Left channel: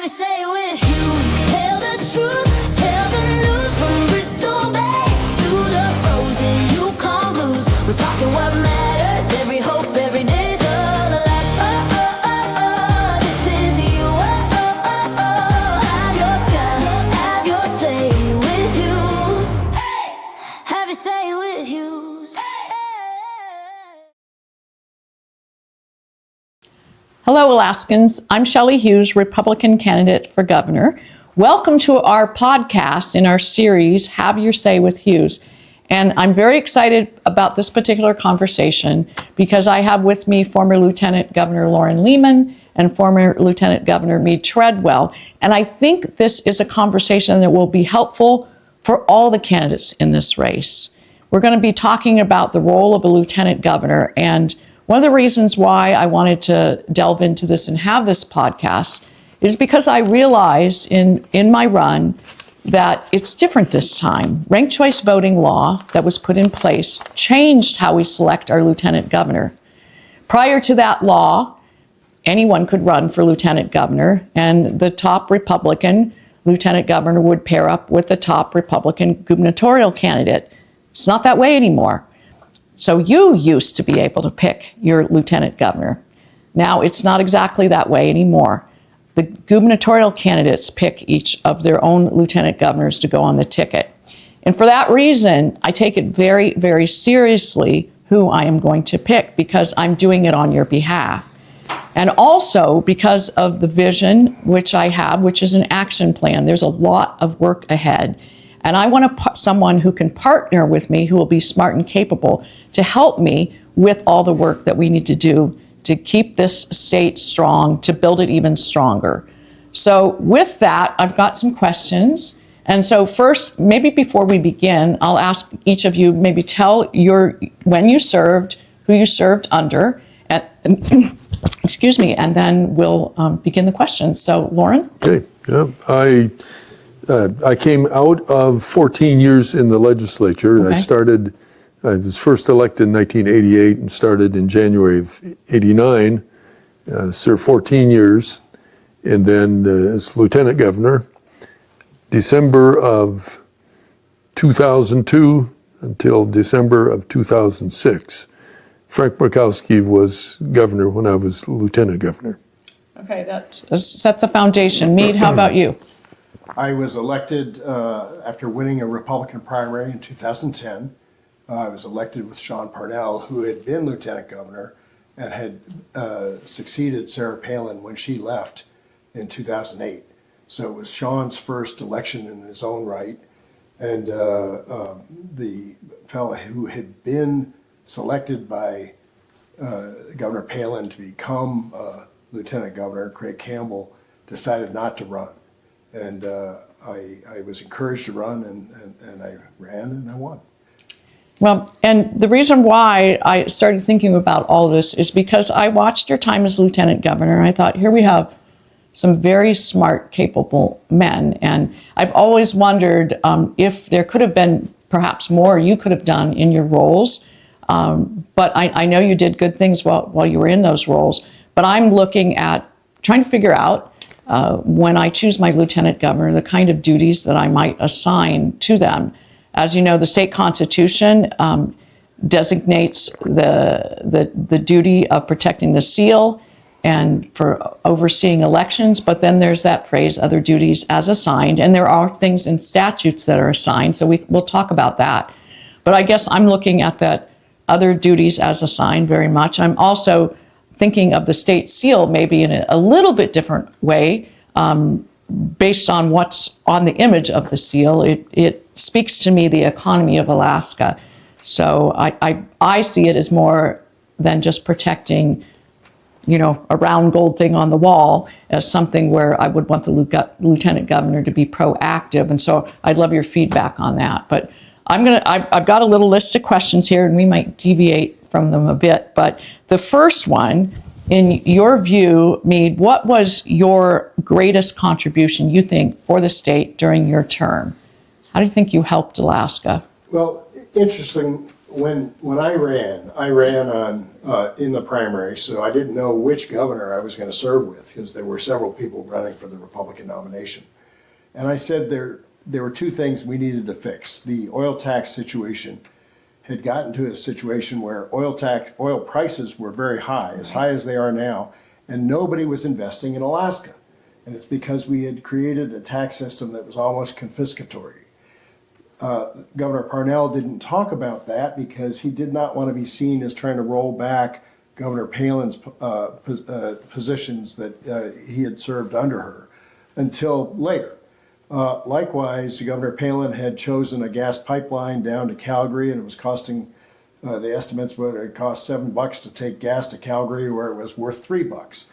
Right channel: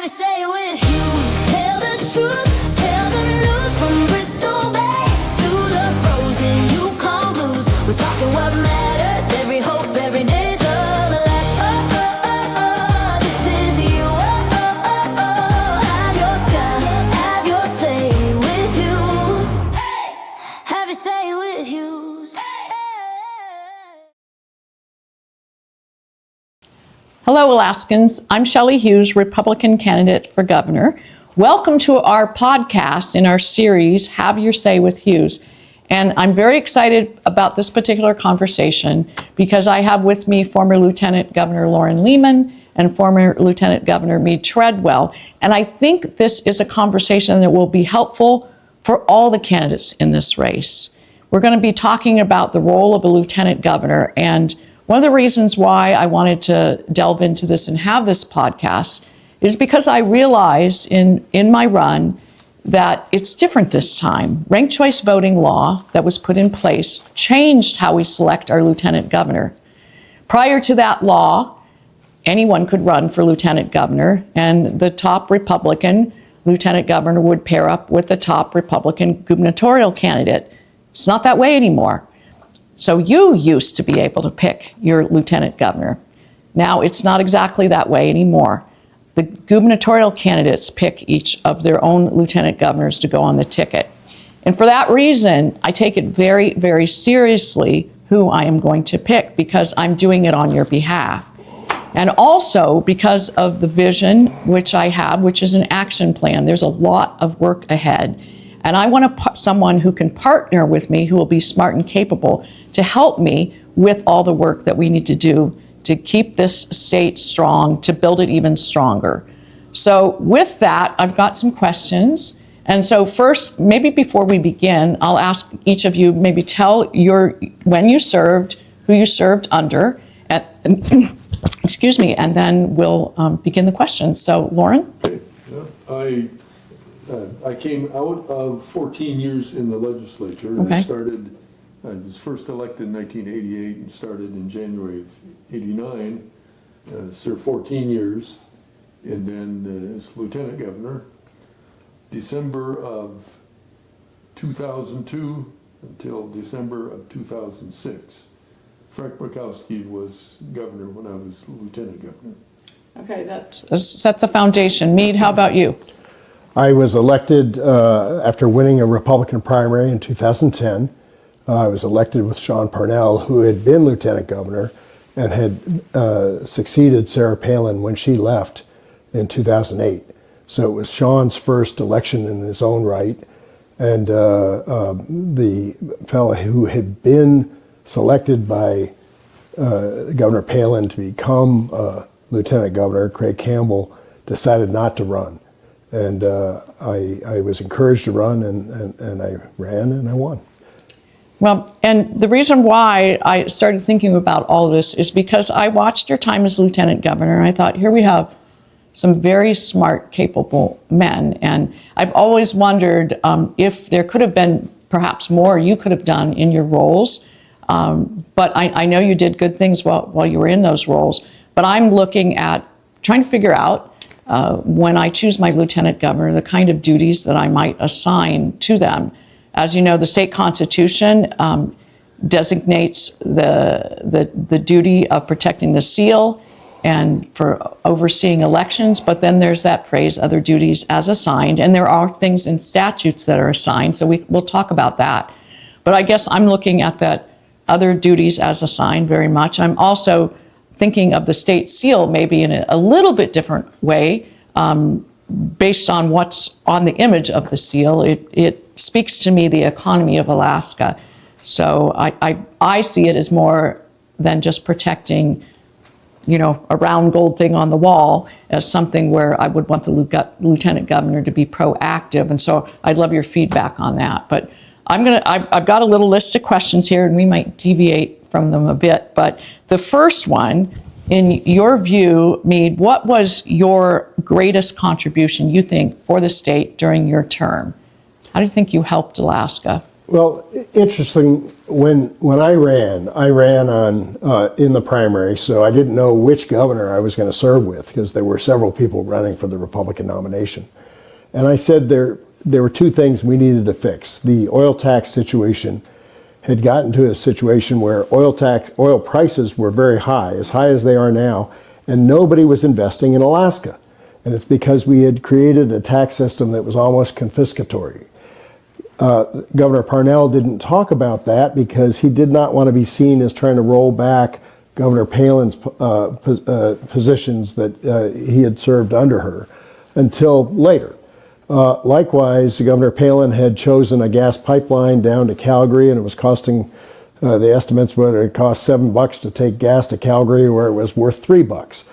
Have you say it with Hughes. Tell the truth, tell the news from Bristol Bay to the frozen Yukon blues. We're talking what matters, every hope, every day's Alaska. This is you. Have your sky, have your say with Hughes. Have you say it with Hughes. Hello, Alaskans. I'm Shelley Hughes, Republican candidate for governor. Welcome to our podcast in our series, Have Your Say with Hughes. And I'm very excited about this particular conversation because I have with me former Lieutenant Governor Loren Leman and former Lieutenant Governor Mead Treadwell. And I think this is a conversation that will be helpful for all the candidates in this race. We're going to be talking about the role of a lieutenant governor, and one of the reasons why I wanted to delve into this and have this podcast is because I realized in my run that it's different this time. Ranked choice voting law that was put in place changed how we select our lieutenant governor. Prior to that law, anyone could run for lieutenant governor, and the top Republican lieutenant governor would pair up with the top Republican gubernatorial candidate. It's not that way anymore. So you used to be able to pick your lieutenant governor. Now it's not exactly that way anymore. The gubernatorial candidates pick each of their own lieutenant governors to go on the ticket. And for that reason, I take it very, very seriously who I am going to pick because I'm doing it on your behalf. And also because of the vision which I have, which is an action plan. There's a lot of work ahead. And I want someone who can partner with me, who will be smart and capable to help me with all the work that we need to do to keep this state strong, to build it even stronger. So with that, I've got some questions. And so first, maybe before we begin, I'll ask each of you, maybe tell when you served, who you served under, and excuse me, and then we'll begin the questions. So Loren? Okay, yeah, I came out of 14 years in the legislature. Okay. I was first elected in 1988 and started in January of 89, served 14 years, and then as lieutenant governor, December of 2002 until December of 2006. Frank Murkowski was governor when I was lieutenant governor. Okay, that sets a foundation. Mead, how about you? I was elected after winning a Republican primary in 2010. I was elected with Sean Parnell, who had been lieutenant governor and had succeeded Sarah Palin when she left in 2008. So it was Sean's first election in his own right. And the fellow who had been selected by Governor Palin to become lieutenant governor, Craig Campbell, decided not to run. And I was encouraged to run, and I ran, and I won. Well, and the reason why I started thinking about all of this is because I watched your time as lieutenant governor, and I thought, here we have some very smart, capable men. And I've always wondered if there could have been perhaps more you could have done in your roles. But I know you did good things while you were in those roles. But I'm looking at trying to figure out when I choose my lieutenant governor, the kind of duties that I might assign to them. As you know, the state constitution designates the duty of protecting the seal and for overseeing elections, but then there's that phrase, other duties as assigned, and there are things in statutes that are assigned, so we'll talk about that. But I guess I'm looking at that other duties as assigned very much. I'm also thinking of the state seal maybe in a little bit different way, based on what's on the image of the seal. It speaks to me the economy of Alaska. So I see it as more than just protecting, a round gold thing on the wall, as something where I would want the lieutenant governor to be proactive. And so I'd love your feedback on that. But I've got a little list of questions here, and we might deviate from them a bit. But the first one, in your view, Mead, what was your greatest contribution, you think, for the state during your term? How do you think you helped Alaska? Well, interesting. When I ran on in the primary, so I didn't know which governor I was going to serve with because there were several people running for the Republican nomination, and I said there were two things we needed to fix. The oil tax situation had gotten to a situation where oil prices were very high as they are now, and nobody was investing in Alaska, and it's because we had created a tax system that was almost confiscatory. Governor Parnell didn't talk about that because he did not want to be seen as trying to roll back Governor Palin's positions that he had served under her until later. Likewise, Governor Palin had chosen a gas pipeline down to Calgary, and it was costing, the estimates were it cost $7 to take gas to Calgary, where it was worth $3.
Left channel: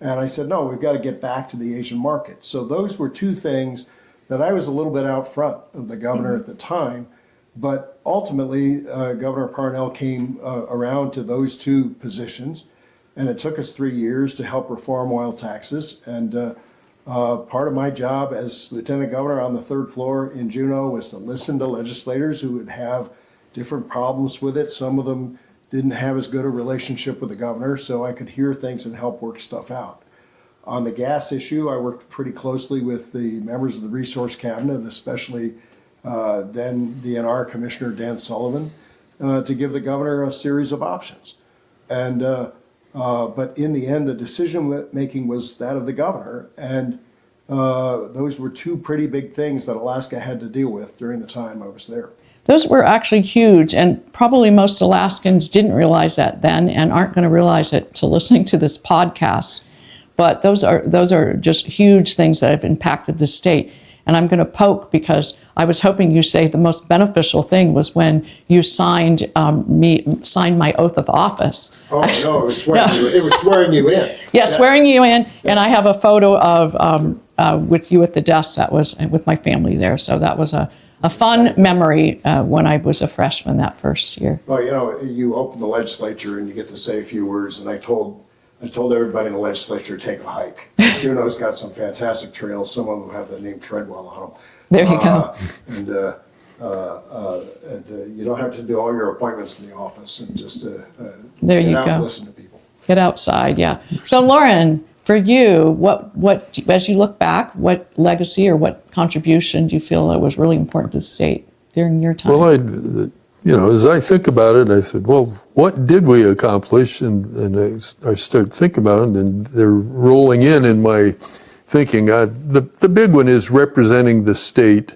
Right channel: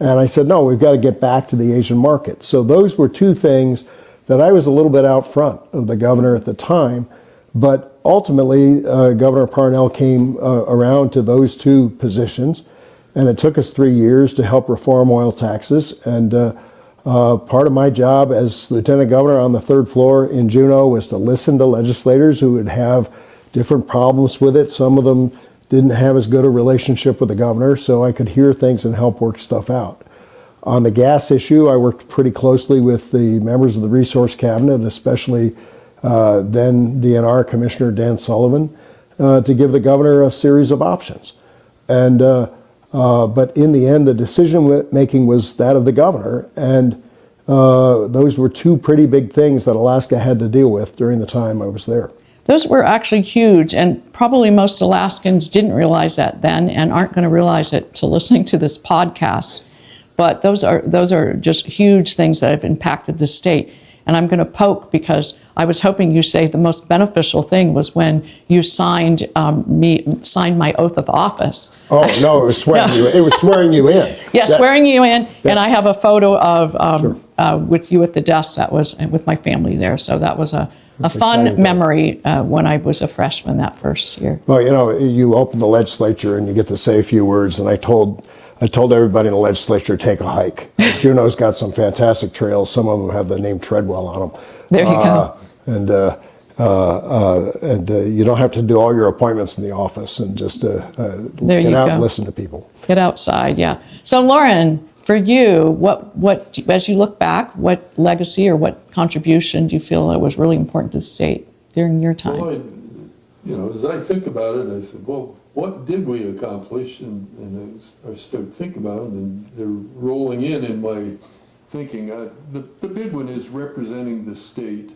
And I said, no, we've got to get back to the Asian market. So those were two things that I was a little bit out front of the governor at the time, but ultimately Governor Parnell came around to those two positions, and it took us 3 years to help reform oil taxes. And part of my job as lieutenant governor on the third floor in Juneau was to listen to legislators who would have different problems with it. Some of them didn't have as good a relationship with the governor, so I could hear things and help work stuff out. On the gas issue, I worked pretty closely with the members of the Resource Cabinet, especially then DNR Commissioner Dan Sullivan, to give the governor a series of options. And but in the end, the decision making was that of the governor, and those were two pretty big things that Alaska had to deal with during the time I was there. Those were actually huge, and probably most Alaskans didn't realize that then and aren't going to realize it till listening to this podcast. But those are just huge things that have impacted the state. And I'm going to poke because I was hoping you say the most beneficial thing was when you signed my oath of office. Oh no, it was swearing you. It was swearing you in. Yeah, yes. Swearing you in, and I have a photo of with you at the desk that was with my family there. So that was a fun memory when I was a freshman that first year. Well, you open the legislature and you get to say a few words, and I told everybody in the legislature to take a hike. Juneau's got some fantastic trails. Some of them have the name Treadwell on them. There you go. And you don't have to do all your appointments in the office, and just there get you out go. and listen to people. Get outside, yeah. So Loren, for you, what as you look back, what legacy or what contribution do you feel that was really important to the state during your time? Well, as I think about it, I said, well, what did we accomplish? And I started thinking about it, and they're rolling in my thinking. The big one is representing the state,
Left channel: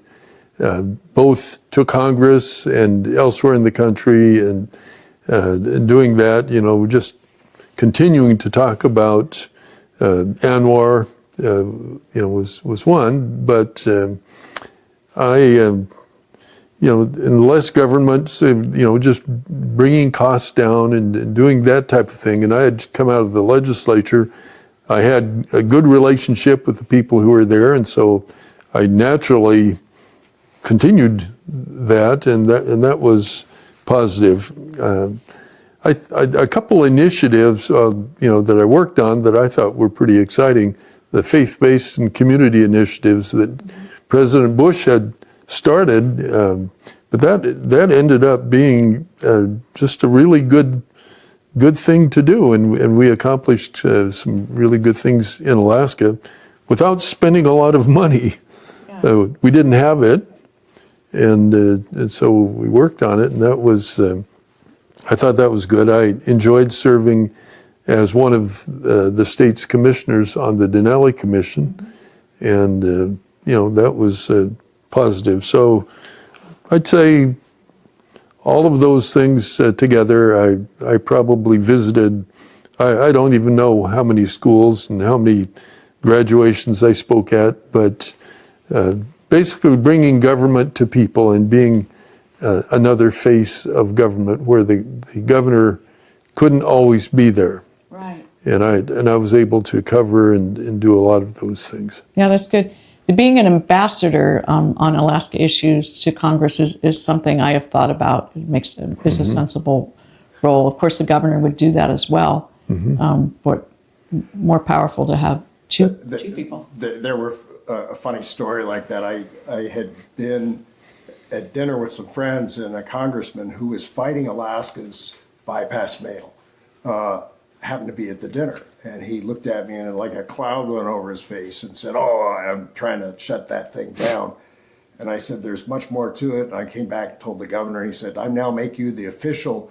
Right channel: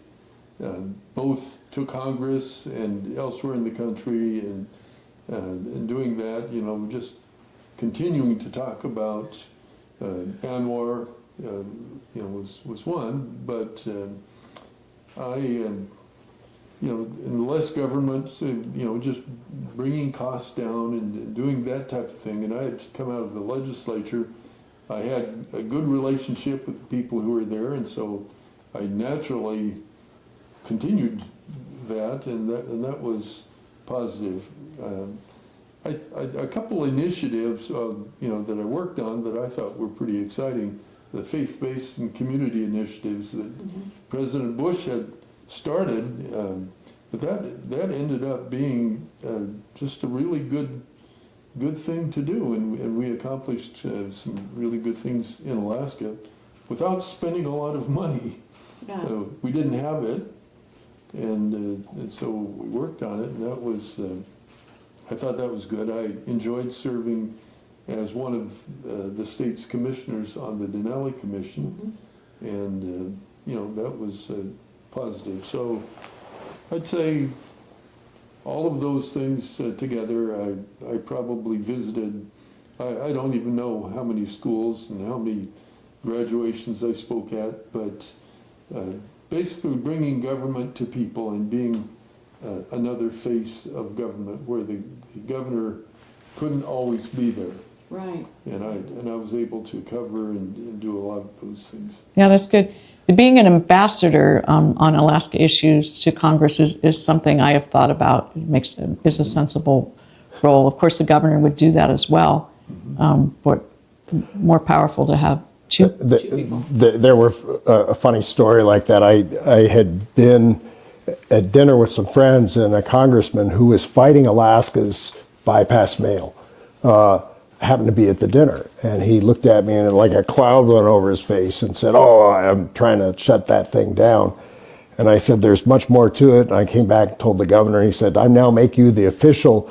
both to Congress and elsewhere in the country, and doing that, just continuing to talk about ANWR, was one, but in less government, just bringing costs down and doing that type of thing. And I had come out of the legislature. I had a good relationship with the people who were there, and so I naturally continued that, and that was positive. A couple initiatives, that I worked on that I thought were pretty exciting. The faith-based and community initiatives that President Bush had started, but that ended up being just a really good thing to do, and we accomplished some really good things in Alaska without spending a lot of money. Yeah. We didn't have it, and so we worked on it, and that was I thought that was good. I enjoyed serving as one of the state's commissioners on the Denali Commission, and that was positive. So I'd say all of those things together, I probably visited, I don't even know how many schools and how many graduations I spoke at, but basically bringing government to people and being another face of government where the governor couldn't always be there. Right. And I was able to cover and do a lot of those things. Yeah, that's good. Being an ambassador on Alaska issues to Congress is something I have thought about. It is a sensible role. Of course, the governor would do that as well, but more powerful to have two people. There were a funny story like that. I had been at dinner with some friends and a congressman who was fighting Alaska's bypass mail. Happened to be at the dinner, and he looked at me and like a cloud went over his face and said, "Oh, I'm trying to shut that thing down." And I said, "There's much more to it." And I came back and told the governor, and he said, "I now make you the official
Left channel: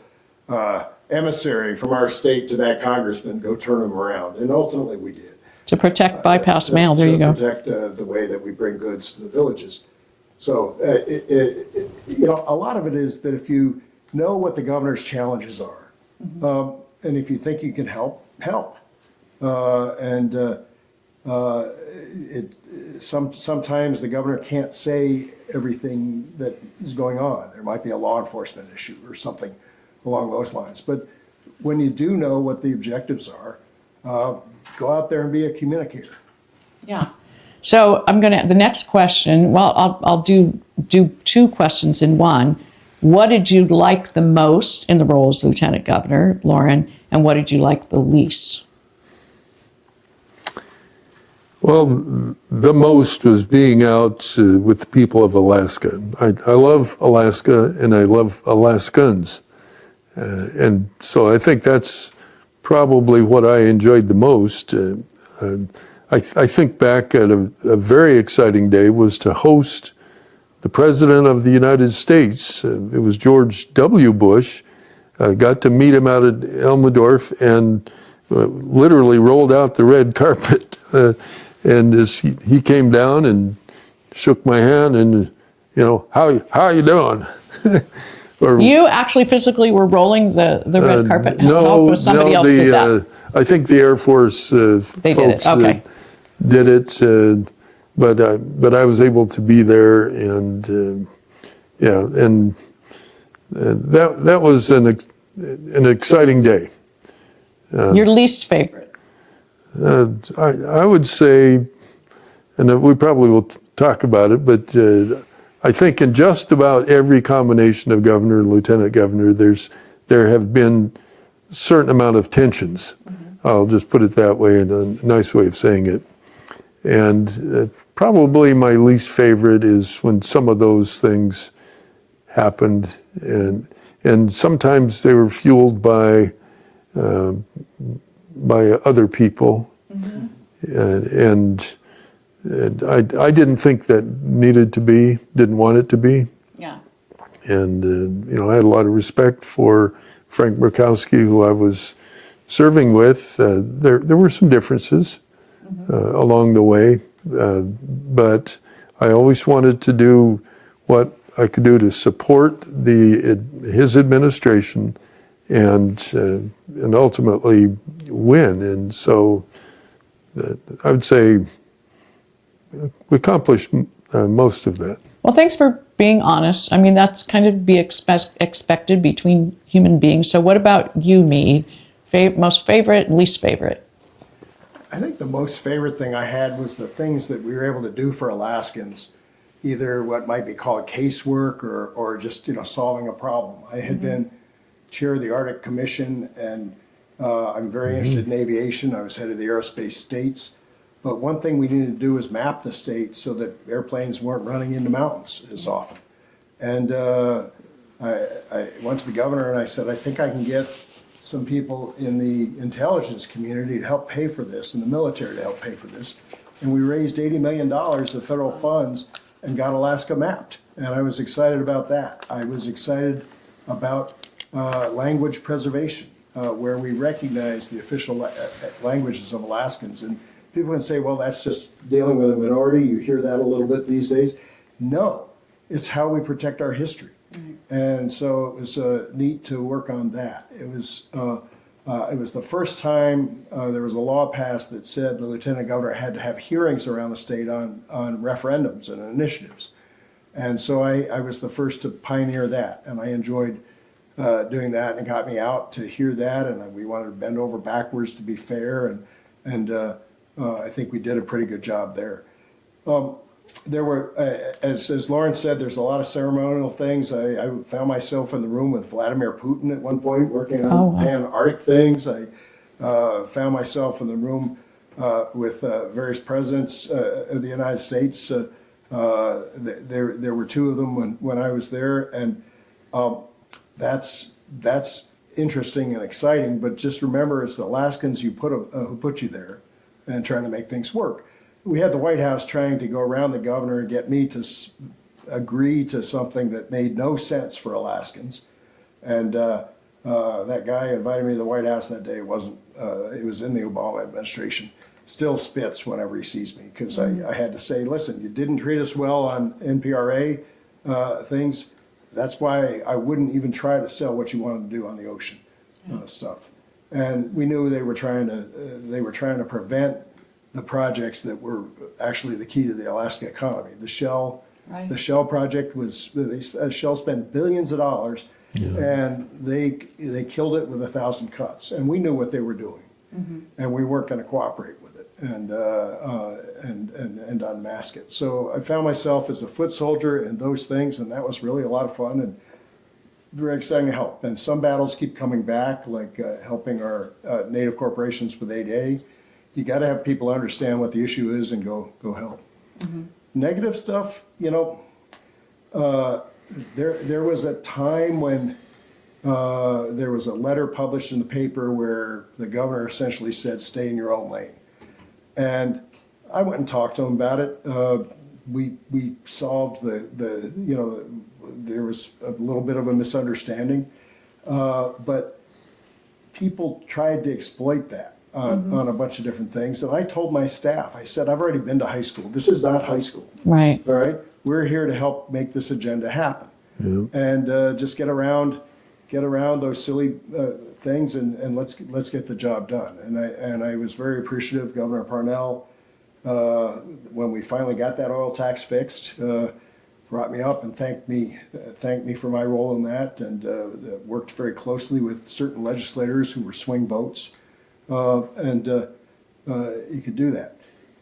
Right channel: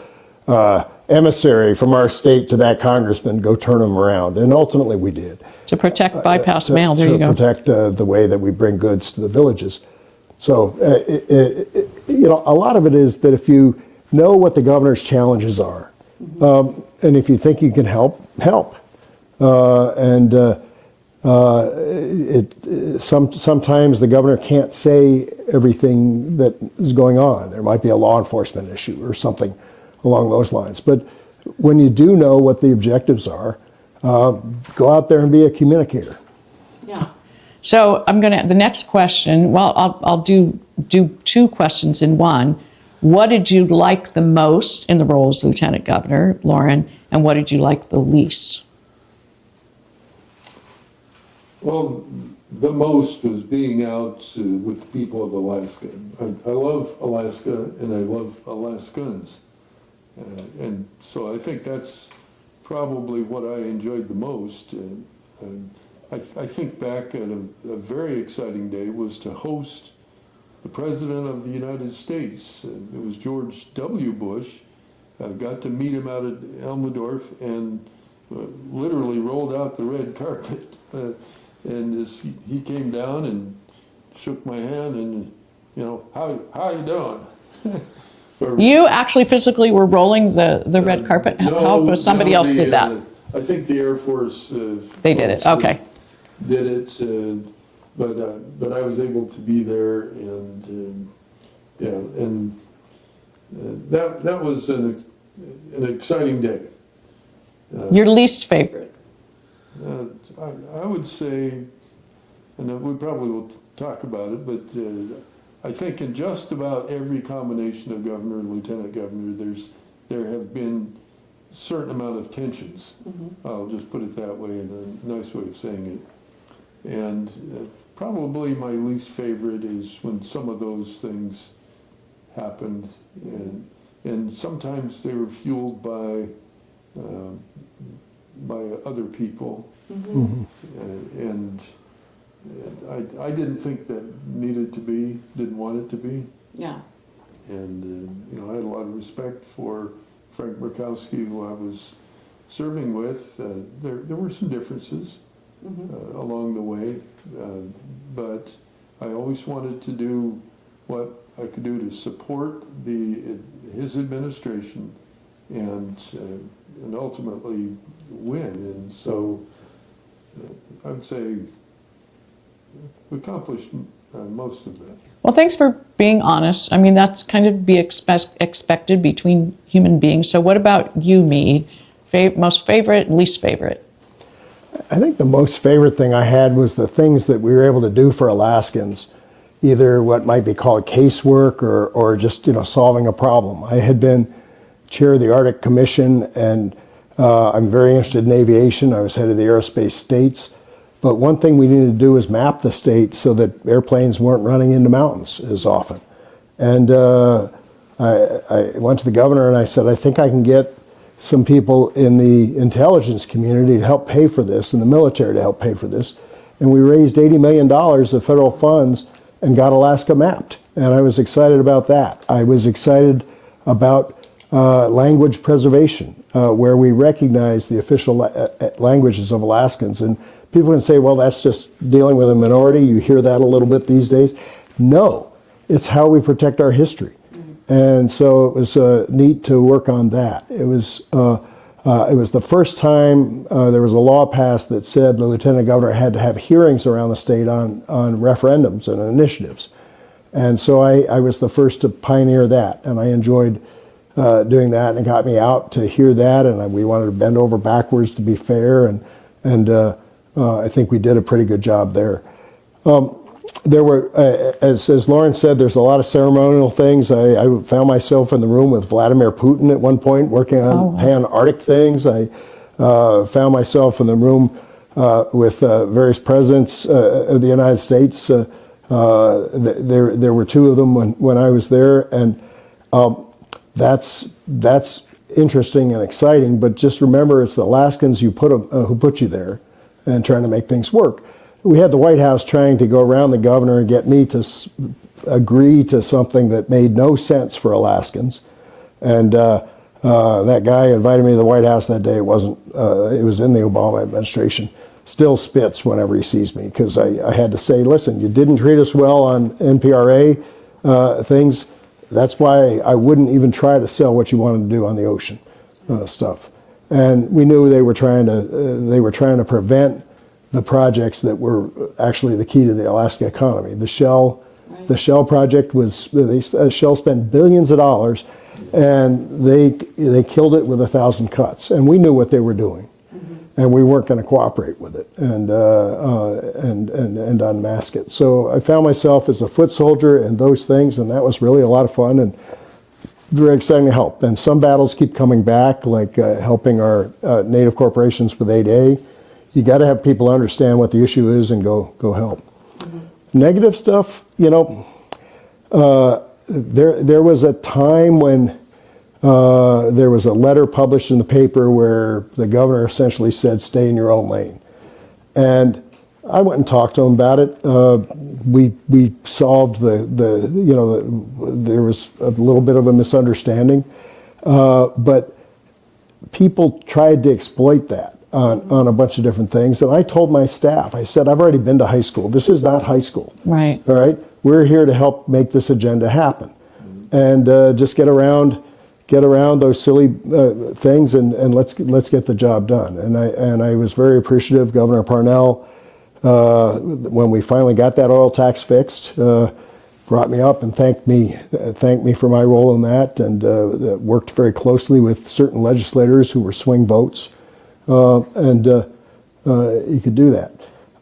emissary from our state to that congressman. Go turn him around." And ultimately we did. To protect bypass mail, there you go. To protect the way that we bring goods to the villages. So, you know, a lot of it is that if you know what the governor's challenges are, and if you think you can help. Sometimes the governor can't say everything that is going on. There might be a law enforcement issue or something along those lines. But when you do know what the objectives are, go out there and be a communicator. Yeah. So the next question, well, I'll do two questions in one. What did you like the most in the role as Lieutenant Governor, Loren, and what did you like the least? Well, the most was being out with the people of Alaska. I love Alaska and I love Alaskans. And so I think that's probably what I enjoyed the most. I think back at a very exciting day was to host the President of the United States. It was George W. Bush. Got to meet him out at Elmendorf and literally rolled out the red carpet. And as he came down and shook my hand and, you know, how you doing? You actually physically were rolling the red carpet? No, somebody else did that? I think the Air Force they did it, okay. Did it, but I was able to be there, and that was an exciting day. Your least favorite? I would say, and we probably will talk about it, but I think in just about every combination of governor and lieutenant governor, there have been a certain amount of tensions. I'll just put it that way, in a nice way of saying it. And probably my least favorite is when some of those things happened, and sometimes they were fueled by other people, and I didn't think that needed to be, didn't want it to be. Yeah. And you know, I had a lot of respect for Frank Murkowski, who I was serving with. There were some differences along the way, but I always wanted to do what I could do to support his administration and ultimately win. And so I would say we accomplished most of that. Well, thanks for being honest. I mean, that's kind of be expected between human beings. So what about you, Mead? Most favorite, least favorite? I think the most favorite thing I had was the things that we were able to do for Alaskans, either what might be called casework or just, you know, solving a problem. I had been chair of the Arctic Commission, and I'm very interested in aviation. I was head of the aerospace states. But one thing we needed to do was map the state so that airplanes weren't running into mountains as often. And I went to the governor and I said, I think I can get some people in the intelligence community to help pay for this, and the military to help pay for this. And we raised $80 million of federal funds and got Alaska mapped. And I was excited about that. I was excited about language preservation, where we recognize the official languages of Alaskans. And people can say, well, that's just dealing with a minority. You hear that a little bit these days. No, it's how we protect our history. And so it was neat to work on that. It was the first time there was a law passed that said the lieutenant governor had to have hearings around the state on referendums and initiatives. And so I was the first to pioneer that, and I enjoyed doing that, and it got me out to hear that, and we wanted to bend over backwards to be fair, and I think we did a pretty good job there. There were, as Loren said, there's a lot of ceremonial things. I found myself in the room with Vladimir Putin at one point, working on pan-Arctic things. I found myself in the room with various presidents of the United States There were two of them when I was there, and that's interesting and exciting. But just remember, it's the Alaskans who put you there, and trying to make things work. We had the White House trying to go around the governor and get me to agree to something that made no sense for Alaskans, and that guy invited me to the White House that day. It was in the Obama administration. Still spits whenever he sees me, because I had to say, listen, you didn't treat us well on NPRA things. That's why I wouldn't even try to sell what you wanted to do on the ocean stuff. And we knew they were trying to prevent the projects that were actually the key to the Alaska economy. The Shell project was, Shell spent billions of dollars, and they killed it with 1,000 cuts. And we knew what they were doing, and we weren't going to cooperate with it and unmask it. So I found myself as a foot soldier in those things, and that was really a lot of fun and very exciting to help. And some battles keep coming back, like helping our Native corporations with 8A. You got to have people understand what the issue is and go help. Negative stuff, there was a time when there was a letter published in the paper where the governor essentially said, stay in your own lane. And I went and talked to him about it. We solved there was a little bit of a misunderstanding, but people tried to exploit that on a bunch of different things. And I told my staff, I said, I've already been to high school. This is not high school. Right. All right. We're here to help make this agenda happen. And just get around those silly things and let's get the job done. And I was very appreciative. Governor Parnell, when we finally got that oil tax fixed, brought me up and thanked me for my role in that, and worked very closely with certain legislators who were swing votes. And you could do that.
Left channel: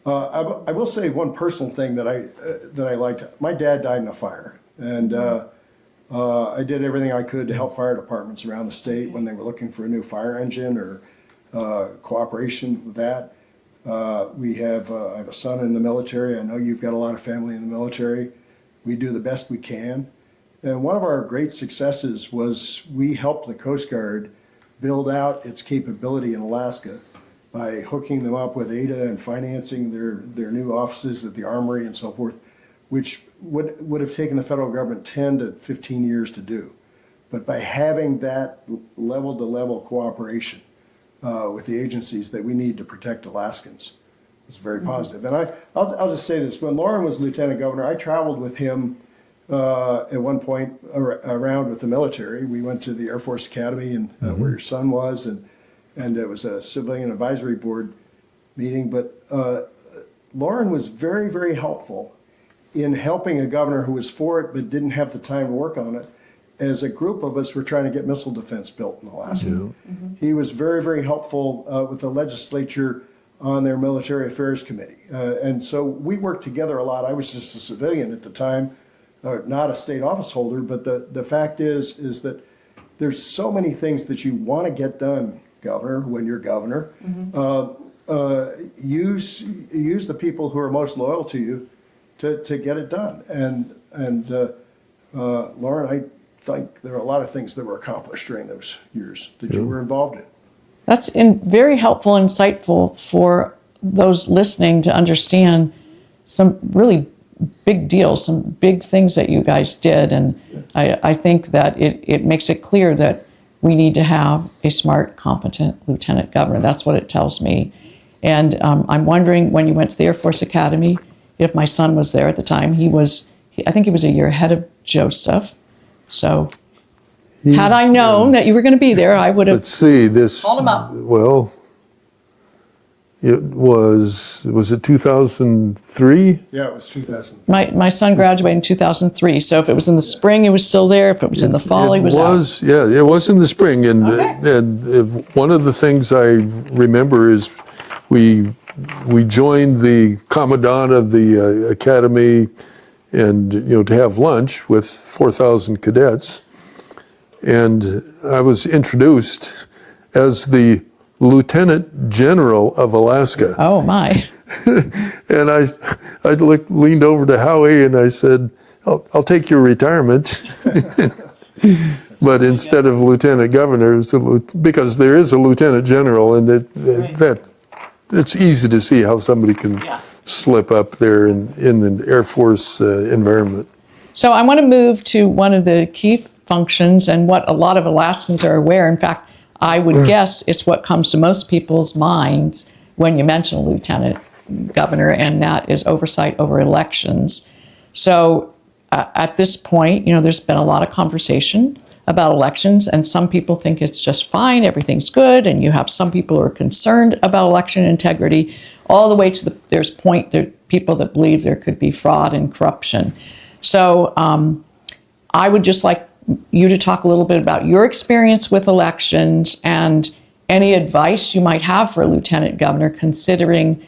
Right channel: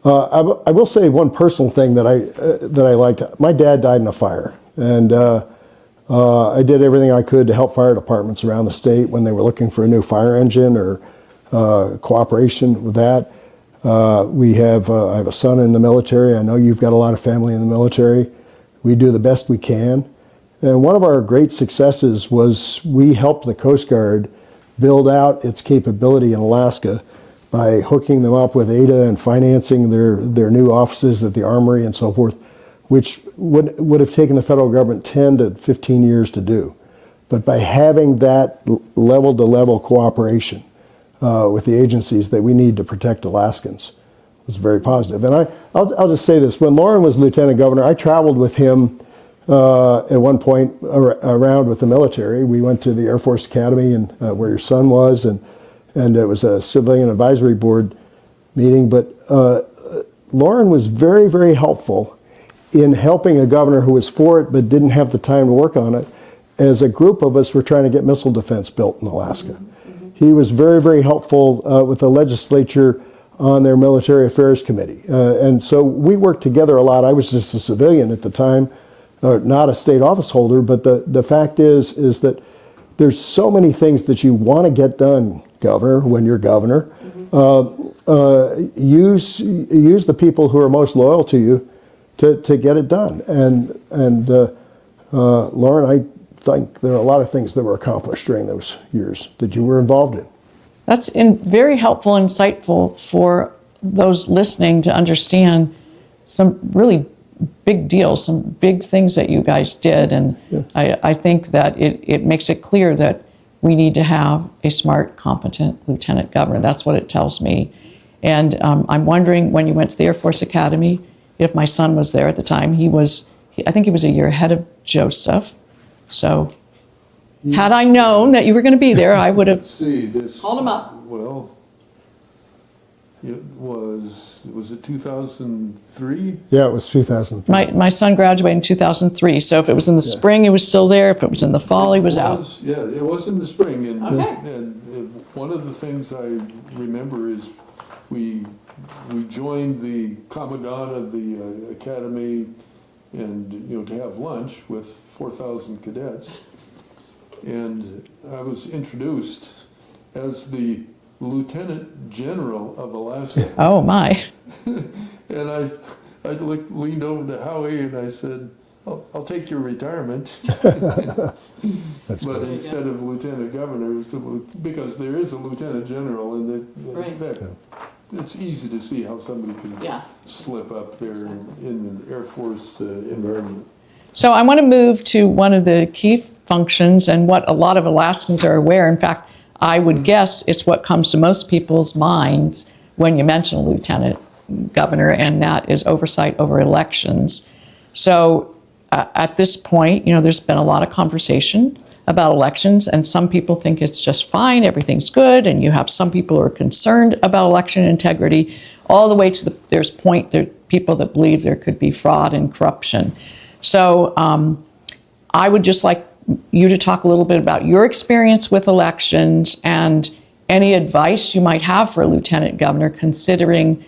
I will say one personal thing that I liked. My dad died in a fire, and I did everything I could to help fire departments around the state when they were looking for a new fire engine or cooperation with that. I have a son in the military. I know you've got a lot of family in the military. We do the best we can. And one of our great successes was we helped the Coast Guard build out its capability in Alaska by hooking them up with ADA and financing their new offices at the Armory and so forth, which would have taken the federal government 10 to 15 years to do. But by having that level-to-level cooperation with the agencies that we need to protect Alaskans was very positive. And I'll just say this, when Loren was Lieutenant Governor, I traveled with him at one point around with the military. We went to the Air Force Academy and where your son was, and it was a civilian advisory board meeting. But Loren was very, very helpful in helping a governor who was for it but didn't have the time to work on it, as a group of us were trying to get missile defense built in Alaska. He was very, very helpful with the legislature on their military affairs committee. And so we worked together a lot. I was just a civilian at the time, not a state office holder, but the fact is that there's so many things that you want to get done, Governor, when you're governor. Use the people who are most loyal to you to get it done. And Loren, I think there are a lot of things that were accomplished during those years that you were involved in. That's very helpful, insightful for those listening to understand some really big deals, some big things that you guys did. And I think that it makes it clear that we need to have a smart, competent lieutenant governor. That's what it tells me. And I'm wondering, when you went to the Air Force Academy, if my son was there at the time. I think he was a year ahead of Joseph. So had I known that you were going to be there, I would have called him up. Well, it was it 2003? Yeah, it was 2000. My son graduated in 2003. So if it was in the spring, he was still there. If it was in the fall, he was out. Yeah, it was in the spring. And one of the things I remember is we joined the commandant of the academy, and to have lunch with 4,000 cadets. And I was introduced as the Lieutenant General of Alaska. Oh my! And I leaned over to Howie and I said, I'll take your retirement. But instead of lieutenant governor, because there is a lieutenant general, and it's easy to see how somebody can slip up there in the Air Force environment. So I want to move to one of the key functions and what a lot of Alaskans are aware. In fact, I would guess it's what comes to most people's minds when you mention a lieutenant governor, and that is oversight over elections. So at this point, there's been a lot of conversation about elections, and some people think it's just fine, everything's good, and you have some people who are concerned about election integrity, all the way to there's people that believe there could be fraud and corruption. So I would just like you to talk a little bit about your experience with elections and any advice you might have for a lieutenant governor, considering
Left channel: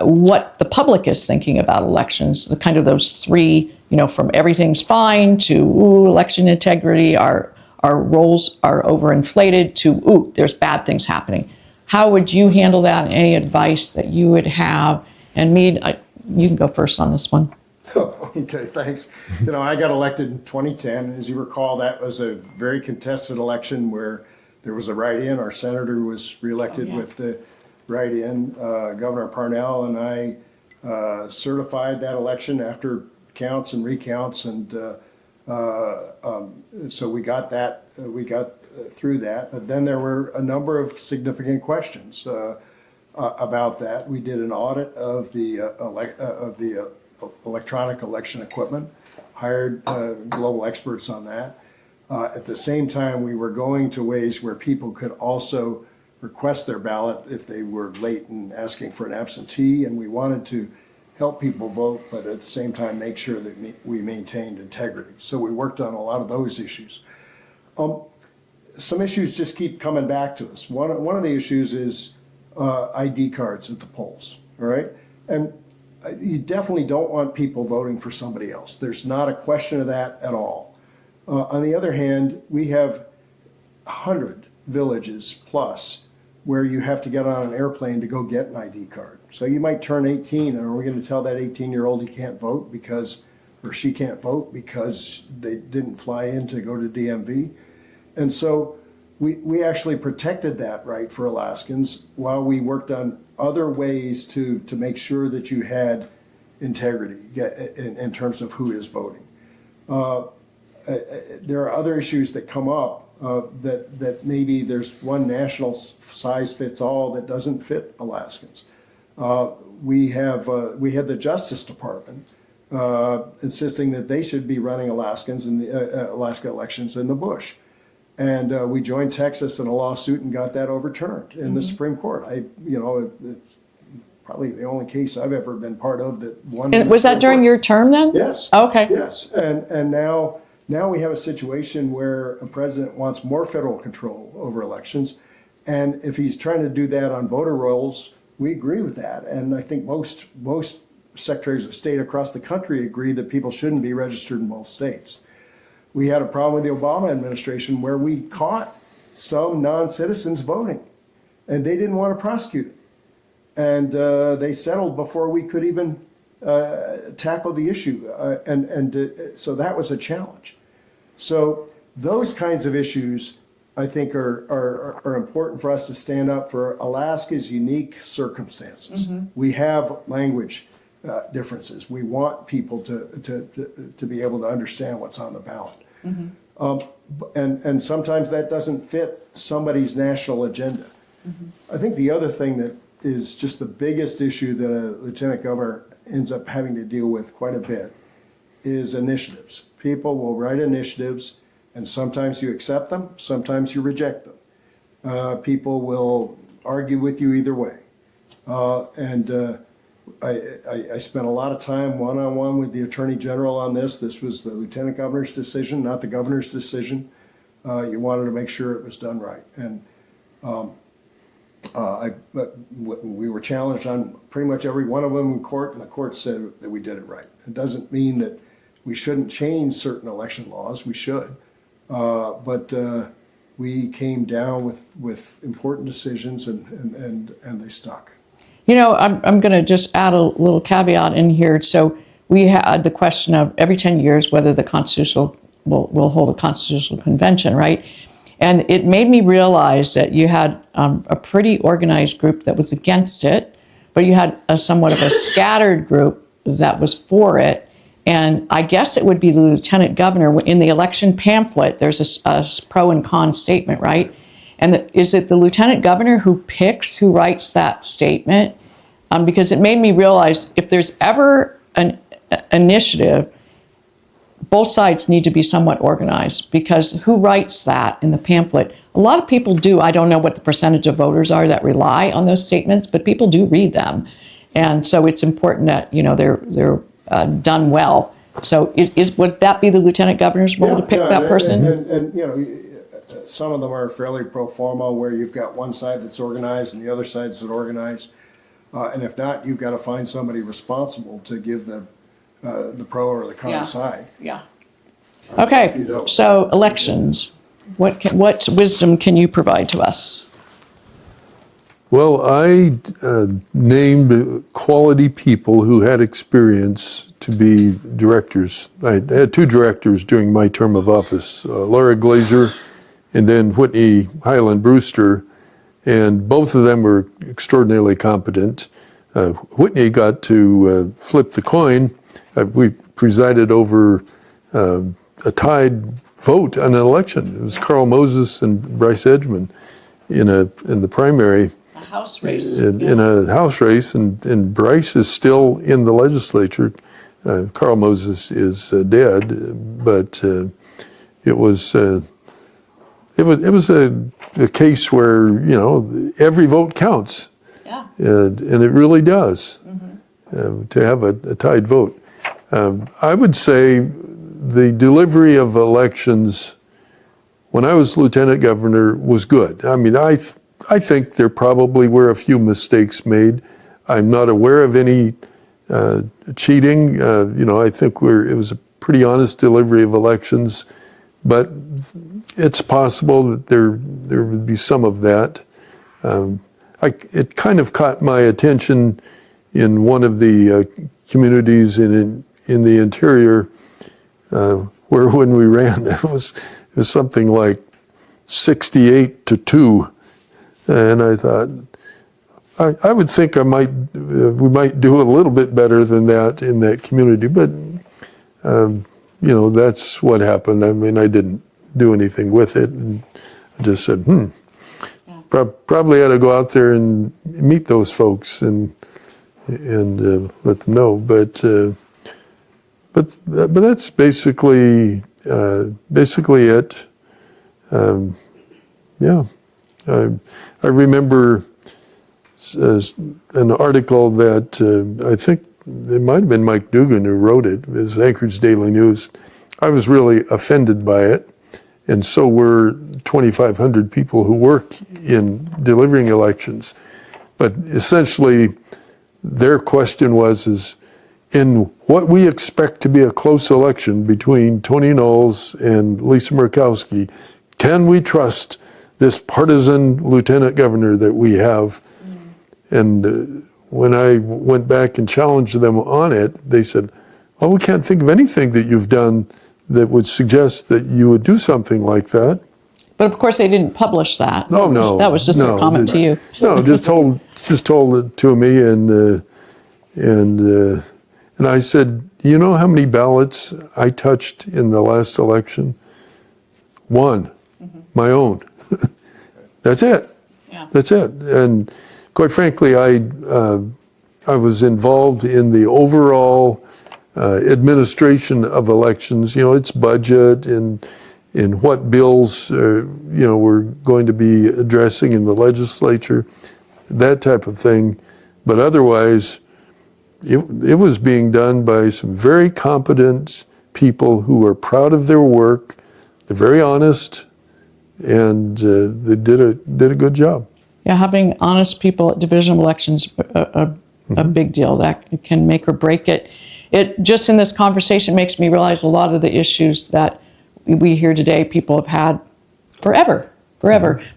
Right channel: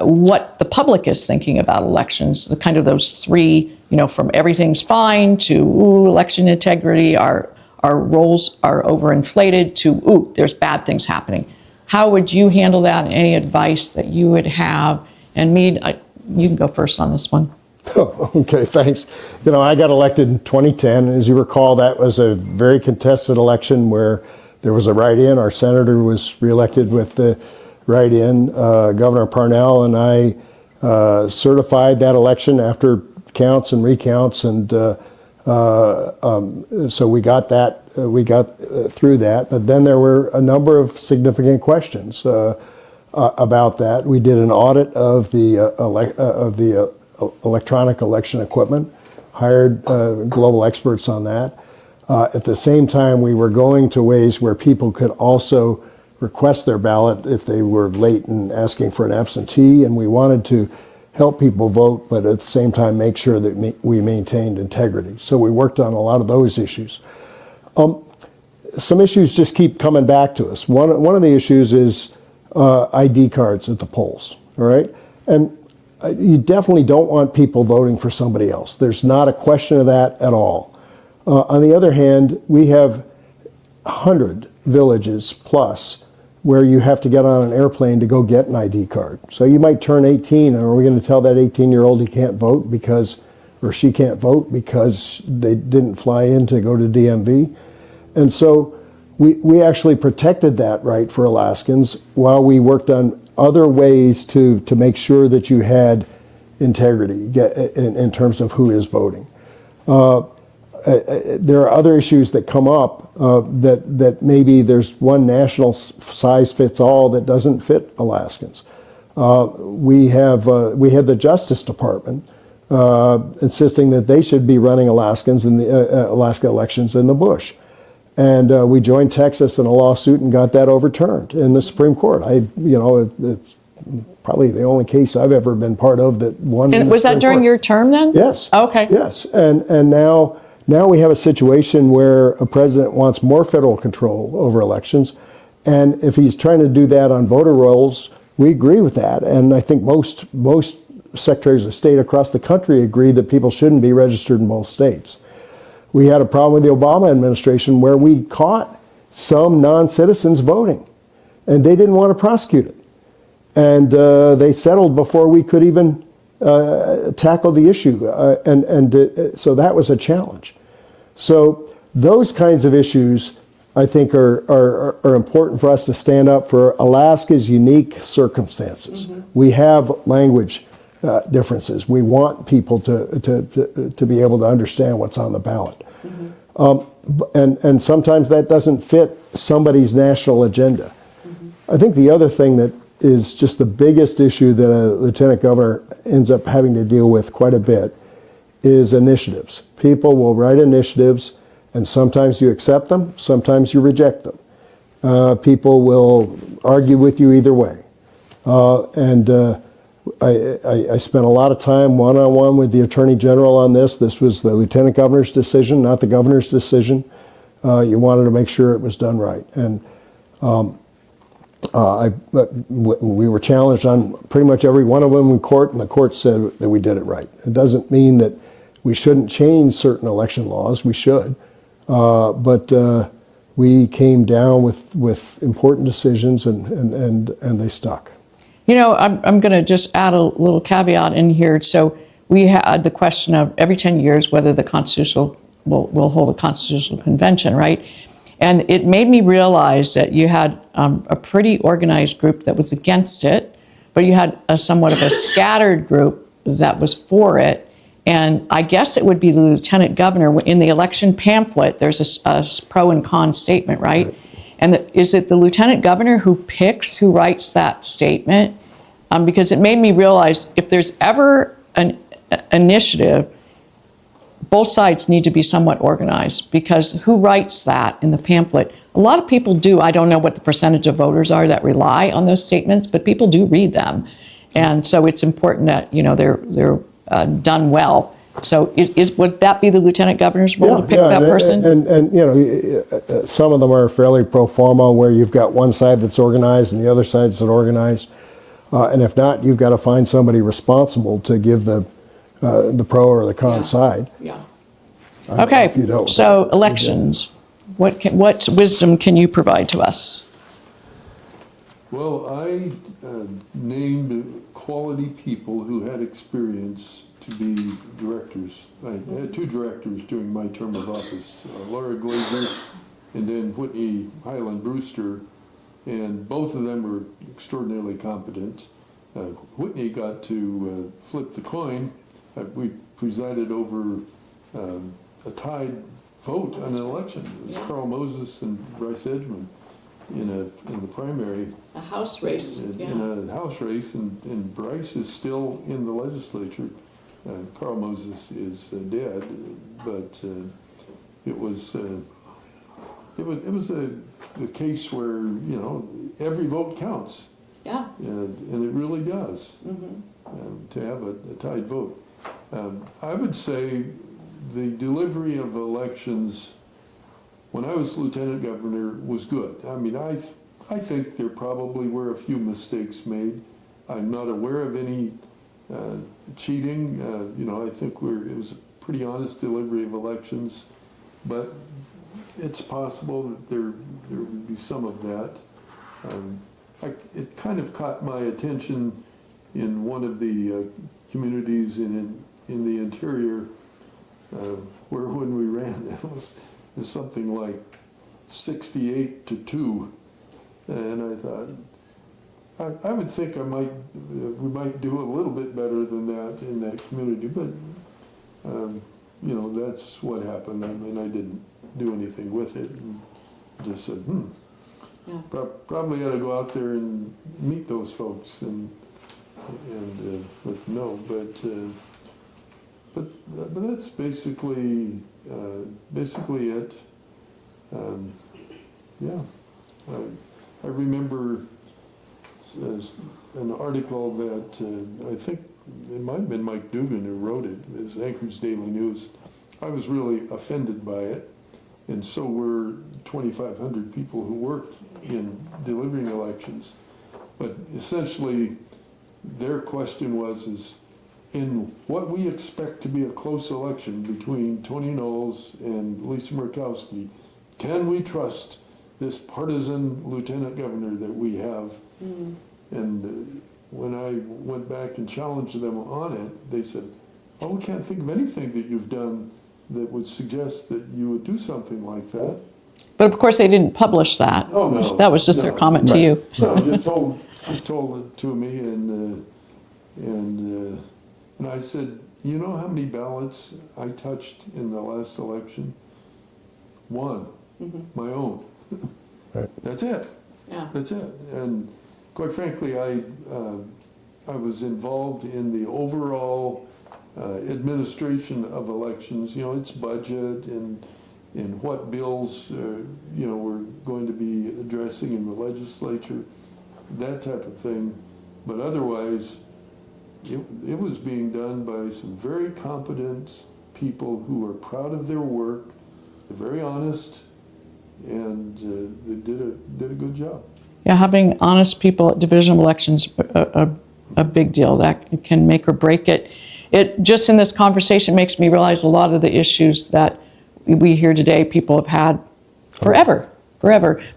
what the public is thinking about elections, the kind of those three, from everything's fine to, election integrity, our roles are overinflated, to, there's bad things happening. How would you handle that, and any advice that you would have? And Mead, you can go first on this one. Oh, okay, thanks. I got elected in 2010. As you recall, that was a very contested election where there was a write-in. Our senator was reelected with the write-in. Governor Parnell and I certified that election after counts and recounts, and so we got through that. But then there were a number of significant questions about that. We did an audit of the electronic election equipment, hired global experts on that. At the same time, we were going to ways where people could also request their ballot if they were late in asking for an absentee, and we wanted to help people vote, but at the same time make sure that we maintained integrity. So we worked on a lot of those issues. Some issues just keep coming back to us. One of the issues is ID cards at the polls, all right? And you definitely don't want people voting for somebody else. There's not a question of that at all. On the other hand, we have 100 villages plus where you have to get on an airplane to go get an ID card. So you might turn 18, and are we going to tell that 18-year-old he can't vote or she can't vote because they didn't fly in to go to DMV? And so we actually protected that right for Alaskans while we worked on other ways to make sure that you had integrity in terms of who is voting. There are other issues that come up that maybe there's one national size fits all that doesn't fit Alaskans. We had the Justice Department insisting that they should be running Alaskans in the Alaska elections in the Bush. And we joined Texas in a lawsuit and got that overturned in the Supreme Court. It's probably the only case I've ever been part of that won. And was that during your term then? Yes. Okay. Yes, and now we have a situation where a president wants more federal control over elections, and if he's trying to do that on voter rolls, we agree with that. And I think most secretaries of state across the country agree that people shouldn't be registered in both states. We had a problem with the Obama administration where we caught some non-citizens voting, and they didn't want to prosecute it. And they settled before we could even tackle the issue. So that was a challenge. So those kinds of issues, I think, are important for us to stand up for Alaska's unique circumstances. Mm-hmm. We have language differences. We want people to be able to understand what's on the ballot. Mm-hmm. And sometimes that doesn't fit somebody's national agenda. Mm-hmm. I think the other thing that is just the biggest issue that a lieutenant governor ends up having to deal with quite a bit is initiatives. People will write initiatives, and sometimes you accept them, sometimes you reject them. People will argue with you either way. I spent a lot of time one-on-one with the Attorney General on this. This was the Lieutenant Governor's decision, not the Governor's decision. You wanted to make sure it was done right. And we were challenged on pretty much every one of them in court, and the court said that we did it right. It doesn't mean that we shouldn't change certain election laws. We should. But we came down with important decisions, and they stuck. You know, I'm going to just add a little caveat in here. So we had the question of every 10 years whether the constitutional will hold a constitutional convention, right? And it made me realize that you had a pretty organized group that was against it, but you had somewhat of a scattered group that was for it. And I guess it would be the lieutenant governor. In the election pamphlet, there's a pro and con statement, right? And is it the lieutenant governor who picks, who writes that statement? Because it made me realize if there's ever an initiative, both sides need to be somewhat organized, because who writes that in the pamphlet? A lot of people do. I don't know what the percentage of voters are that rely on those statements, but people do read them. And so it's important that, you know, they're done well. So would that be the lieutenant governor's role to pick that person? And you know, some of them are fairly pro forma, where you've got one side that's organized and the other side that's organized. And if not, you've got to find somebody responsible to give the pro or the con side. Yeah. Okay, so elections. What wisdom can you provide to us? Well, I named quality people who had experience to be directors. I had 2 directors during my term of office, Laura Glazer and then Whitney Highland Brewster, and both of them were extraordinarily competent. Whitney got to flip the coin. We presided over a tied vote on an election. It was Carl Moses and Bryce Edgman in the primary. A house race. In a house race, and Bryce is still in the legislature. Carl Moses is dead, but it was a case where, you know, every vote counts. Yeah. And it really does, to have a tied vote. I would say the delivery of elections when I was lieutenant governor was good. I mean, I think there probably were a few mistakes made. I'm not aware of any cheating. You know, I think it was a pretty honest delivery of elections, but it's possible that there would be some of that. It kind of caught my attention in one of the communities in the interior, where when we ran, it was something like 68-2, and I thought, I would think we might do a little bit better than that in that community, but you know, that's what happened. I mean, I didn't do anything with it, and I just said, probably ought to go out there and meet those folks and let them know. But that's basically it. I remember an article that I think it might have been Mike Dugan who wrote it. It was Anchorage Daily News. I was really offended by it, and so were 2,500 people who work in delivering elections. But essentially, their question is, in what we expect to be a close election between Tony Knowles and Lisa Murkowski, can we trust this partisan lieutenant governor that we have? And when I went back and challenged them on it, they said, "Oh, we can't think of anything that you've done that would suggest that you would do something like that." But of course, they didn't publish that. Oh, no. That was just their comment to you. No, just told it to me, and I said, "You know how many ballots I touched in the last election? One, my own. That's it. Yeah. That's it." And quite frankly, I was involved in the overall administration of elections. You know, its budget and in what bills we're going to be addressing in the legislature, that type of thing. But otherwise, it was being done by some very competent people who are proud of their work. They're very honest, and they did a good job. Yeah, having honest people at division elections a big deal. That can make or break it. It just in this conversation makes me realize a lot of the issues that we hear today people have had forever,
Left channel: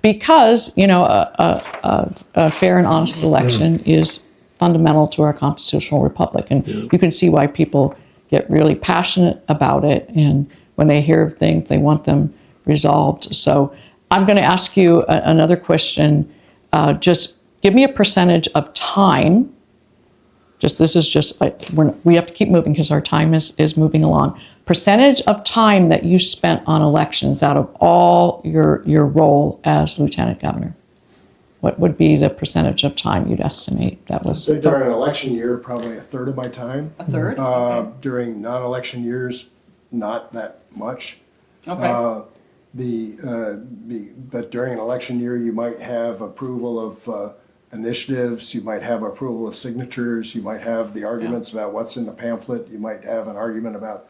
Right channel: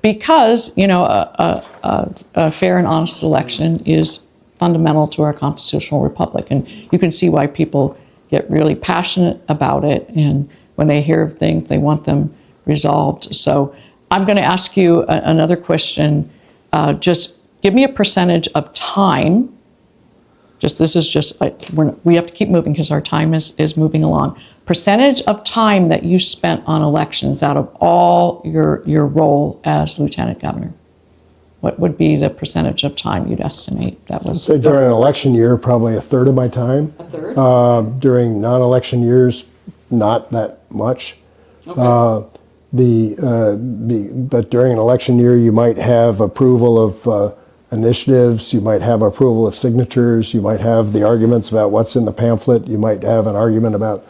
because a fair and honest election is fundamental to our constitutional republic. And you can see why people get really passionate about it. And when they hear of things, they want them resolved. So I'm going to ask you another question. Just give me a percentage of time. This is just, we have to keep moving because our time is moving along. Percentage of time that you spent on elections out of all your role as lieutenant governor. What would be the percentage of time you'd estimate that was? So during an election year, probably a third of my time. A third? During non-election years, not that much. Okay. But during an election year, you might have approval of initiatives, you might have approval of signatures, you might have the arguments about what's in the pamphlet, you might have an argument about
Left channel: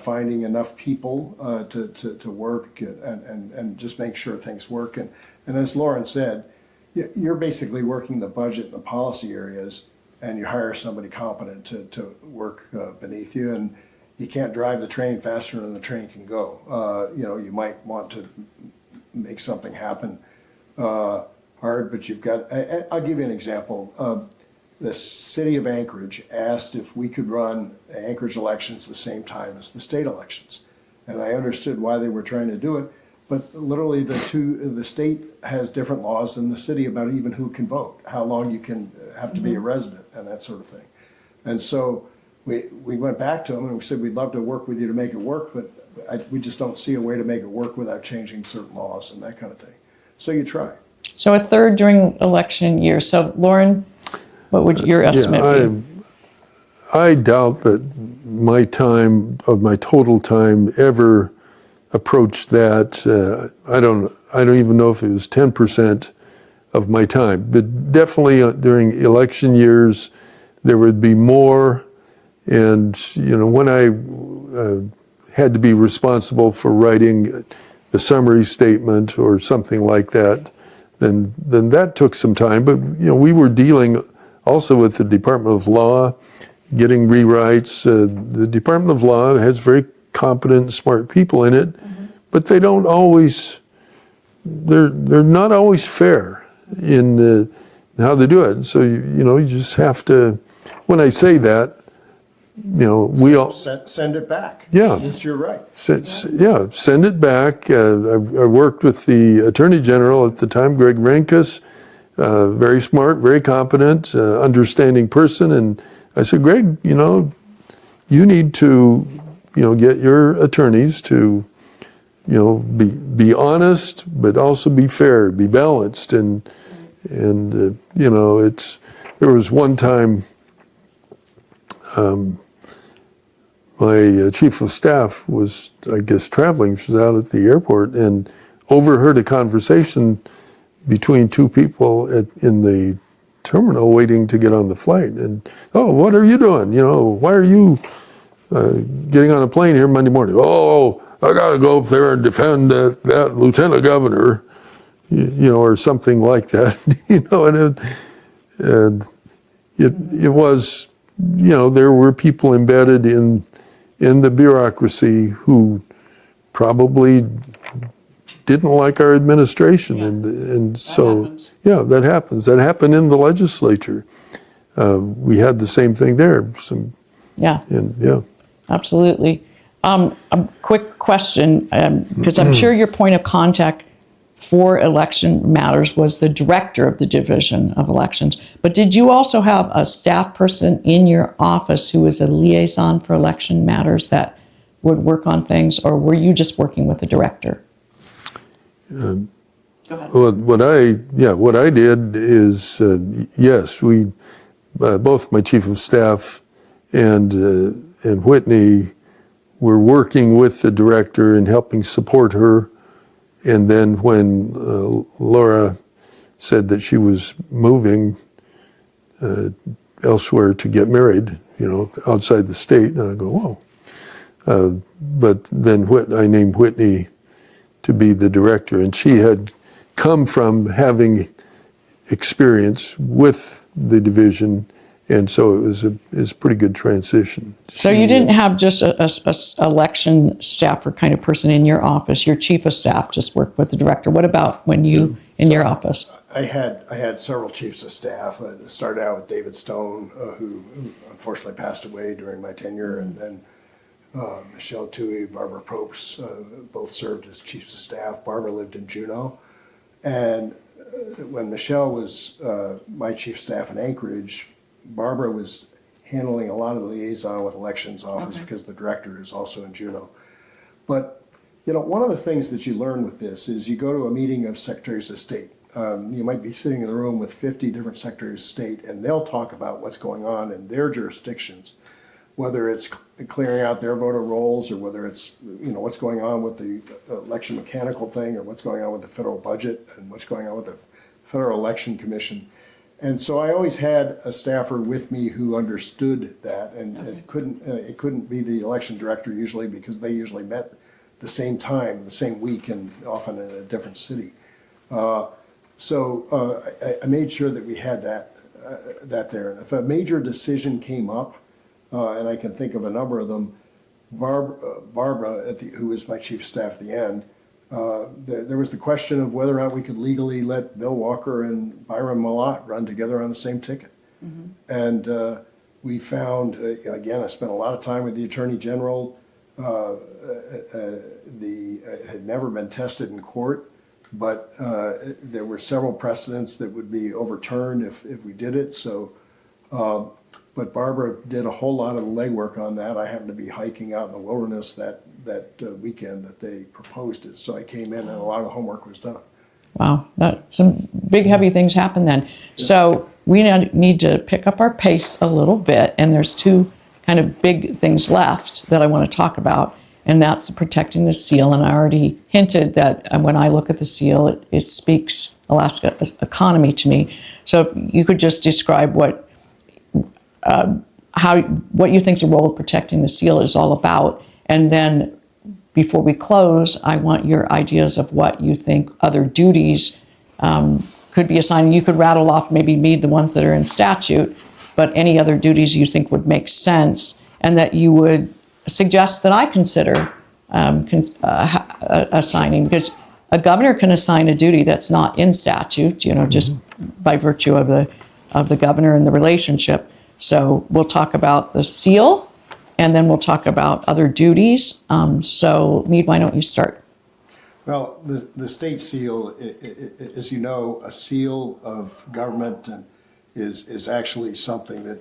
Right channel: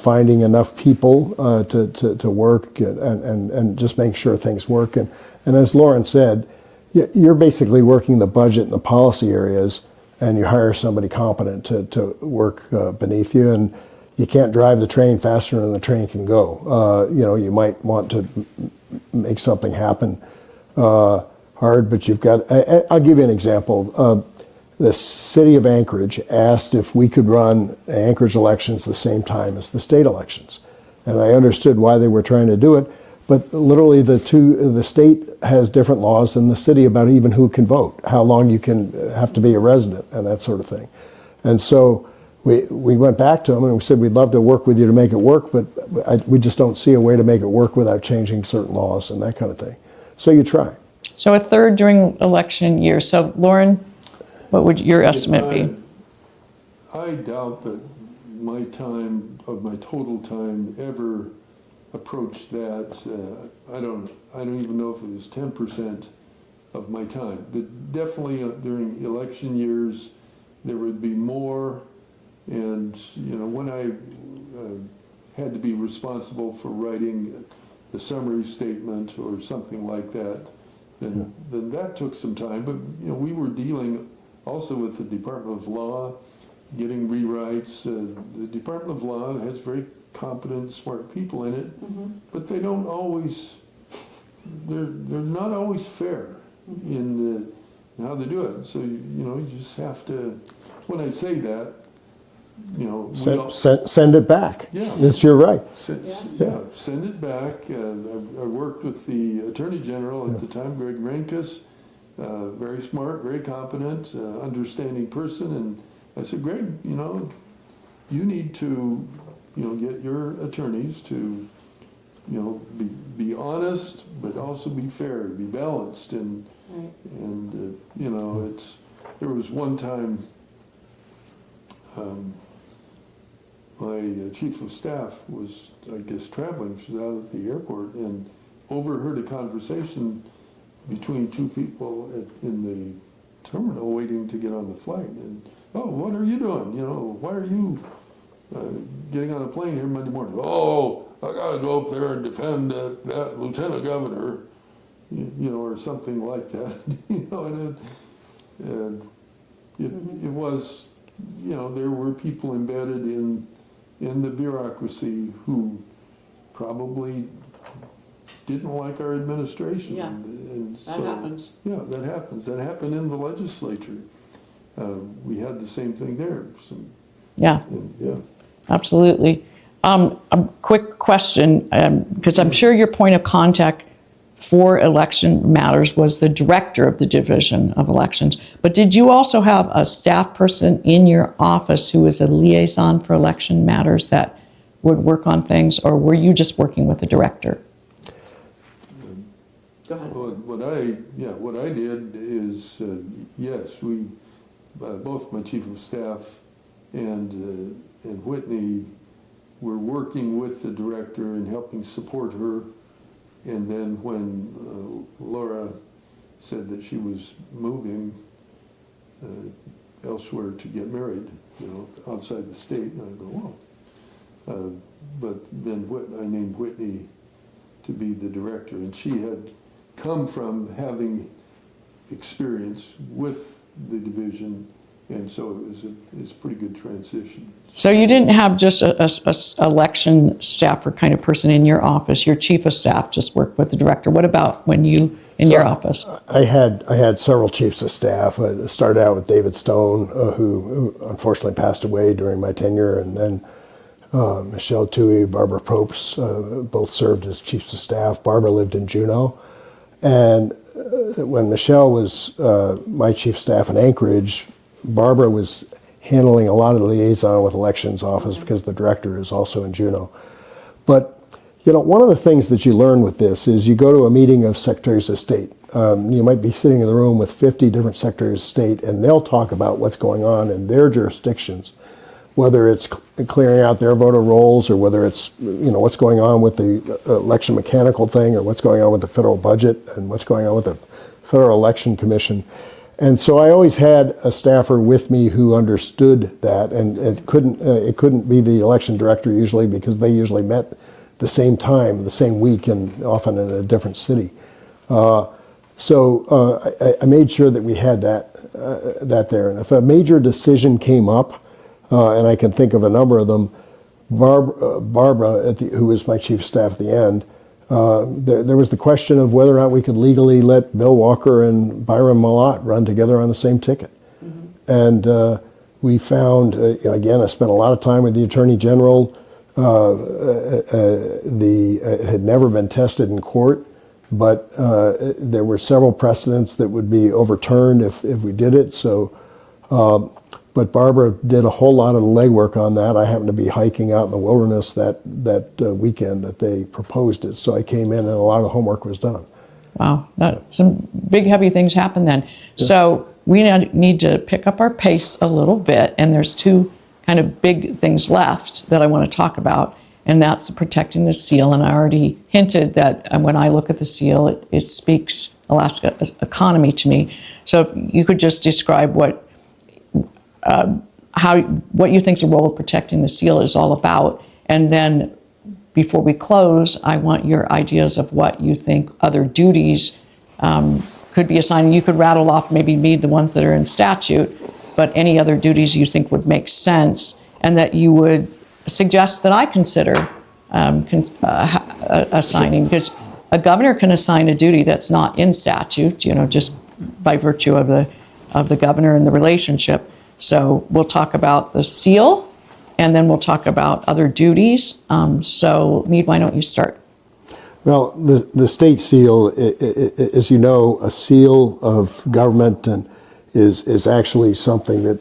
finding enough people to work and just make sure things work. And as Loren said, you're basically working the budget and the policy areas, and you hire somebody competent to work beneath you. And you can't drive the train faster than the train can go. You might want to make something happen hard, but you've got, I'll give you an example. The city of Anchorage asked if we could run Anchorage elections the same time as the state elections. And I understood why they were trying to do it, but literally the state has different laws than the city about even who can vote, how long you can have to be a resident and that sort of thing. And so we went back to them and we said, we'd love to work with you to make it work, but we just don't see a way to make it work without changing certain laws and that kind of thing. So you try. So a third during election year. So Loren, what would your estimate be? I doubt that my total time ever approached that. I don't even know if it was 10% of my time, but definitely during election years, there would be more. And when I had to be responsible for writing the summary statement or something like that, then that took some time. But we were dealing also with the Department of Law, getting rewrites. The Department of Law has very competent, smart people in it, but they don't always. They're not always fair in how they do it. So you just have to. When I say that, we all send it back. Yeah, it's your right. Send it back. I worked with the Attorney General at the time, Greg Rehnquist, very smart, very competent, understanding person, and I said, Greg, you need to, get your attorneys to, be honest, but also be fair, be balanced, and there was one time. My chief of staff was, I guess, traveling. She was out at the airport and overheard a conversation between two people in the terminal waiting to get on the flight. And, oh, what are you doing? Why are you getting on a plane here Monday morning? Oh, I got to go up there and defend that lieutenant governor, or something like that. And it was, there were people embedded in the bureaucracy who probably didn't like our administration. And so, happens. Yeah, that happens. That happened in the legislature. We had the same thing there. Absolutely. A quick question, because I'm sure your point of contact for election matters was the director of the Division of Elections. But did you also have a staff person in your office who was a liaison for election matters that would work on things, or were you just working with the director? Go ahead. What I did is, yes, we, both my chief of staff and Whitney were working with the director and helping support her. And then when Laura said that she was moving elsewhere to get married, outside the state, and I go, whoa. But then I named Whitney to be the director, and she had come from having experience with the division And so it was a pretty good transition. So you didn't have just a election staffer kind of person in your office. Your chief of staff just worked with the director. What about when you in your office? I had several chiefs of staff. I started out with David Stone, who unfortunately passed away during my tenure, and then Michelle Toohey, Barbara Propes, both served as chiefs of staff. Barbara lived in Juneau, and when Michelle was my chief of staff in Anchorage, Barbara was handling a lot of the liaison with elections office because the director is also in Juneau. But one of the things that you learn with this is you go to a meeting of secretaries of state. You might be sitting in the room with 50 different secretaries of state, and they'll talk about what's going on in their jurisdictions, whether it's clearing out their voter rolls or whether it's what's going on with the election mechanical thing or what's going on with the federal budget and what's going on with the Federal Election Commission. And so I always had a staffer with me who understood that, and it couldn't be the election director usually because they usually met the same time, the same week, and often in a different city. So I made sure that we had that there. And if a major decision came up, and I can think of a number of them, Barbara, who was my chief of staff at the end, there was the question of whether or not we could legally let Bill Walker and Byron Malott run together on the same ticket. Mm-hmm. And we found, again, I spent a lot of time with the Attorney General. It had never been tested in court, but there were several precedents that would be overturned if we did it. So, but Barbara did a whole lot of the legwork on that. I happened to be hiking out in the wilderness that weekend that they proposed it. So I came in and a lot of the homework was done. Wow, some big heavy things happened then. Yeah. So we need to pick up our pace a little bit, and there's two kind of big things left that I want to talk about, and that's protecting the seal. And I already hinted that when I look at the seal, it speaks Alaska's economy to me. So if you could just describe what you think the role of protecting the seal is all about. And then before we close, I want your ideas of what you think other duties could be assigned. You could rattle off maybe Mead the ones that are in statute, but any other duties you think would make sense and that you would suggest that I consider assigning. Because a governor can assign a duty that's not in statute, just by virtue of the governor and the relationship. So we'll talk about the seal, and then we'll talk about other duties. So Mead, why don't you start? Well, the state seal, as you know, a seal of government and is actually something that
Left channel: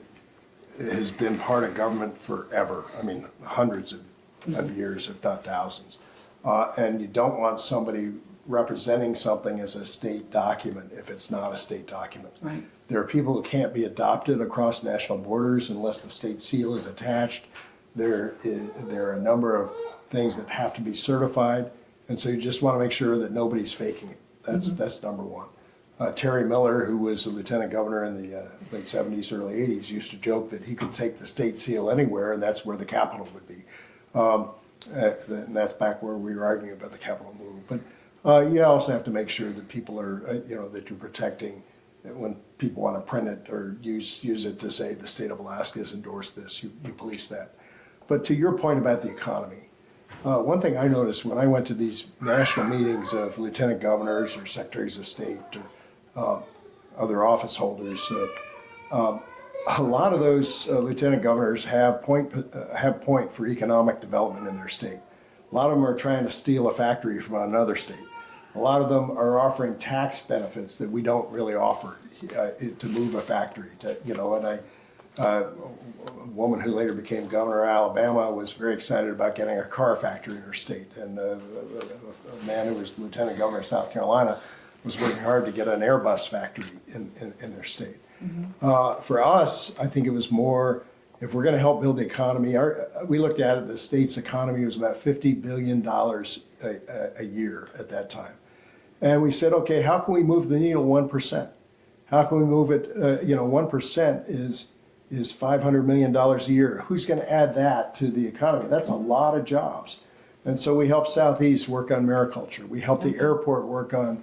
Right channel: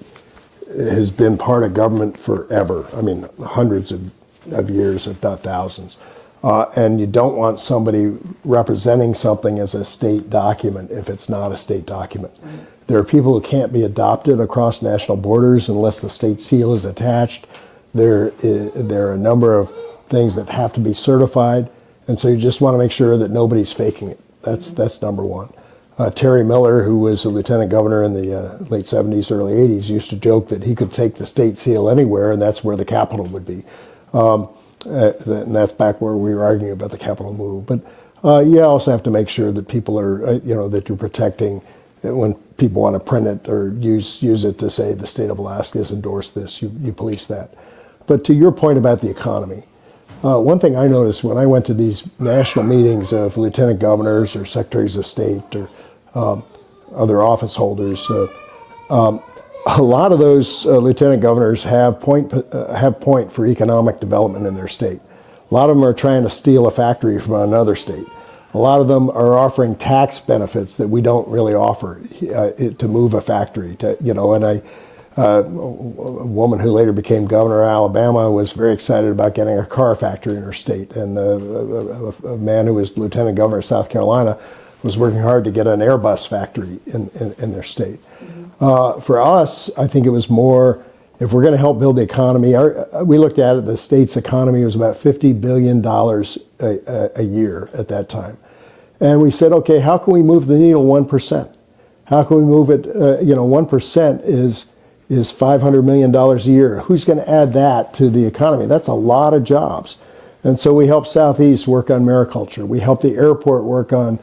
has been part of government forever. I mean, hundreds of years, if not thousands. And you don't want somebody representing something as a state document if it's not a state document. Right. There are people who can't be adopted across national borders unless the state seal is attached. There are a number of things that have to be certified, and so you just want to make sure that nobody's faking it. That's number one. Terry Miller, who was a lieutenant governor in the late 70s, early 80s, used to joke that he could take the state seal anywhere, and that's where the capital would be. And that's back where we were arguing about the capital move. But you also have to make sure that people are, that you're protecting. When people want to print it or use it to say the state of Alaska has endorsed this, you police that. But to your point about the economy, one thing I noticed when I went to these national meetings of lieutenant governors or secretaries of state or other office holders, a lot of those lieutenant governors have point for economic development in their state. A lot of them are trying to steal a factory from another state. A lot of them are offering tax benefits that we don't really offer to move a factory. And a woman who later became governor of Alabama was very excited about getting a car factory in her state. And a man who was lieutenant governor of South Carolina was working hard to get an Airbus factory in their state. Mm-hmm. For us, I think it was more, if we're going to help build the economy, we looked at it, the state's economy was about $50 billion a year at that time. And we said, okay, how can we move the needle 1%? How can we move it, 1% is $500 million a year. Who's going to add that to the economy? That's a lot of jobs. And so we helped Southeast work on mariculture. We helped the airport work on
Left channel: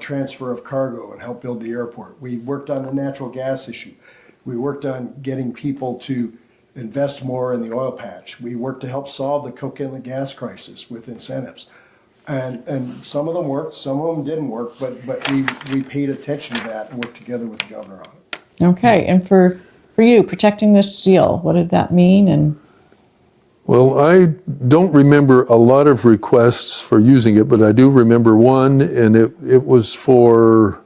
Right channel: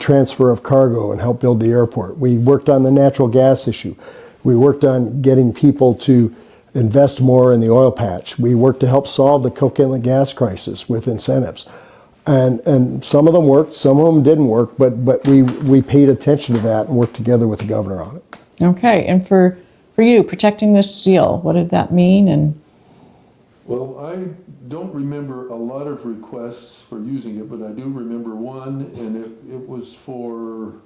transfer of cargo and help build the airport. We worked on the natural gas issue. We worked on getting people to invest more in the oil patch. We worked to help solve the Cook Inlet gas crisis with incentives. And some of them worked, some of them didn't work, but we paid attention to that and worked together with the governor on it. Okay, and for you, protecting this seal, what did that mean? And Well, I don't remember a lot of requests for using it, but I do remember one, and it was for,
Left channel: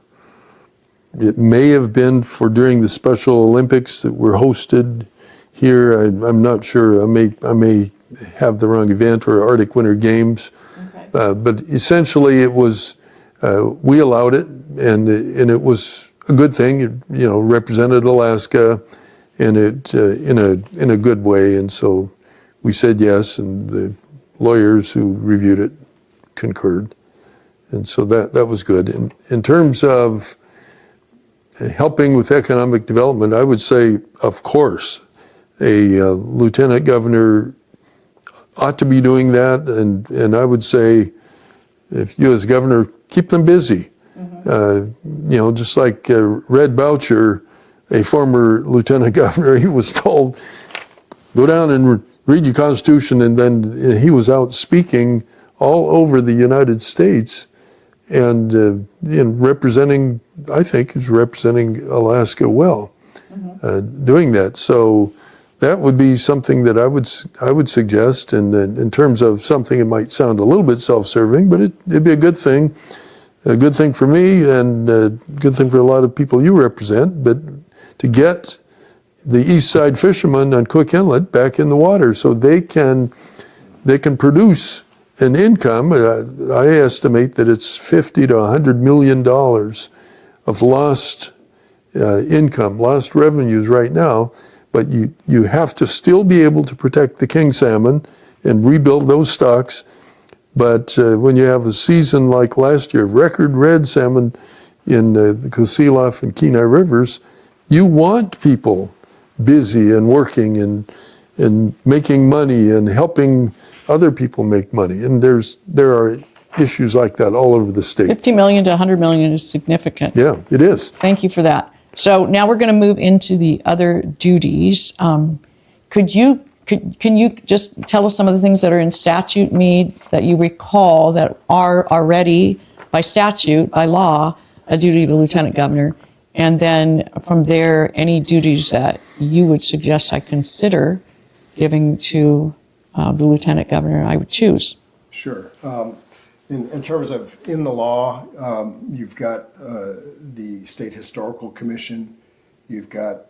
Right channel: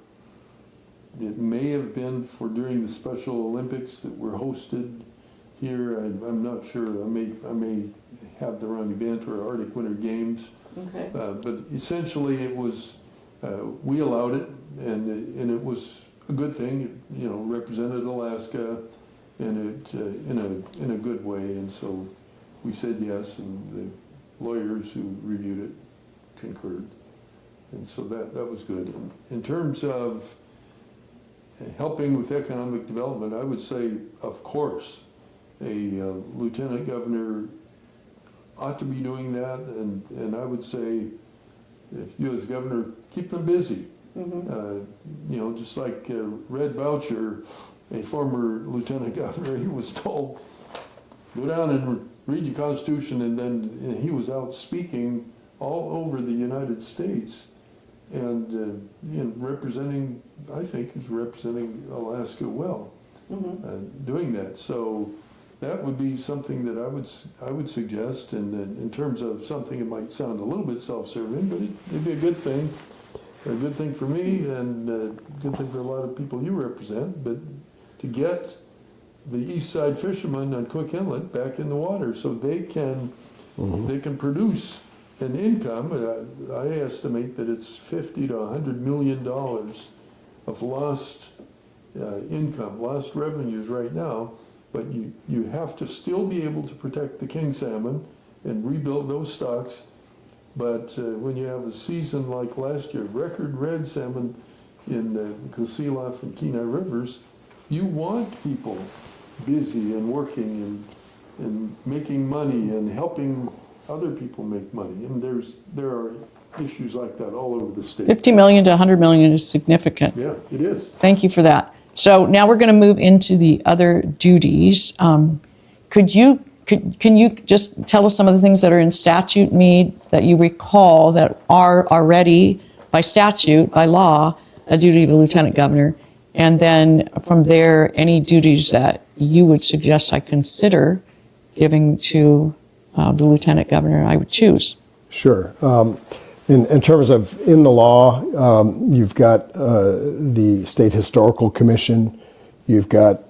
it may have been for during the Special Olympics that were hosted here. I'm not sure. I may have the wrong event, or Arctic Winter Games. Okay. But essentially, it was we allowed it, and it was a good thing. It, represented Alaska, and it in a good way, and so we said yes, and the lawyers who reviewed it concurred, and so that was good. In terms of helping with economic development, I would say, of course, a lieutenant governor ought to be doing that, and I would say, if you as governor, keep them busy. Mm-hmm. Just like Red Boucher, a former lieutenant governor, he was told, go down and read your Constitution, and then he was out speaking all over the United States, and representing, I think, is representing Alaska well, doing that. So that would be something that I would suggest, and in terms of something that might sound a little bit self-serving, but it'd be a good thing for me, and a good thing for a lot of people you represent, but to get the East Side fishermen on Cook Inlet back in the water so they can produce an income. I estimate that it's $50 to $100 million of lost income, lost revenues right now, but you have to still be able to protect the king salmon and rebuild those stocks. But when you have a season like last year, record red salmon in the Kosilof and Kenai rivers, you want people busy and working and making money and helping other people make money. And there are issues like that all over the state. 50 million to 100 million is significant. Yeah, it is. Thank you for that. So now we're going to move into the other duties. Can you just tell us some of the things that are in statute, Mead, that you recall that are already by statute, by law, a duty of a lieutenant governor? And then from there, any duties that you would suggest I consider giving to the lieutenant governor I would choose? Sure. In terms of in the law, you've got the State Historical Commission. You've got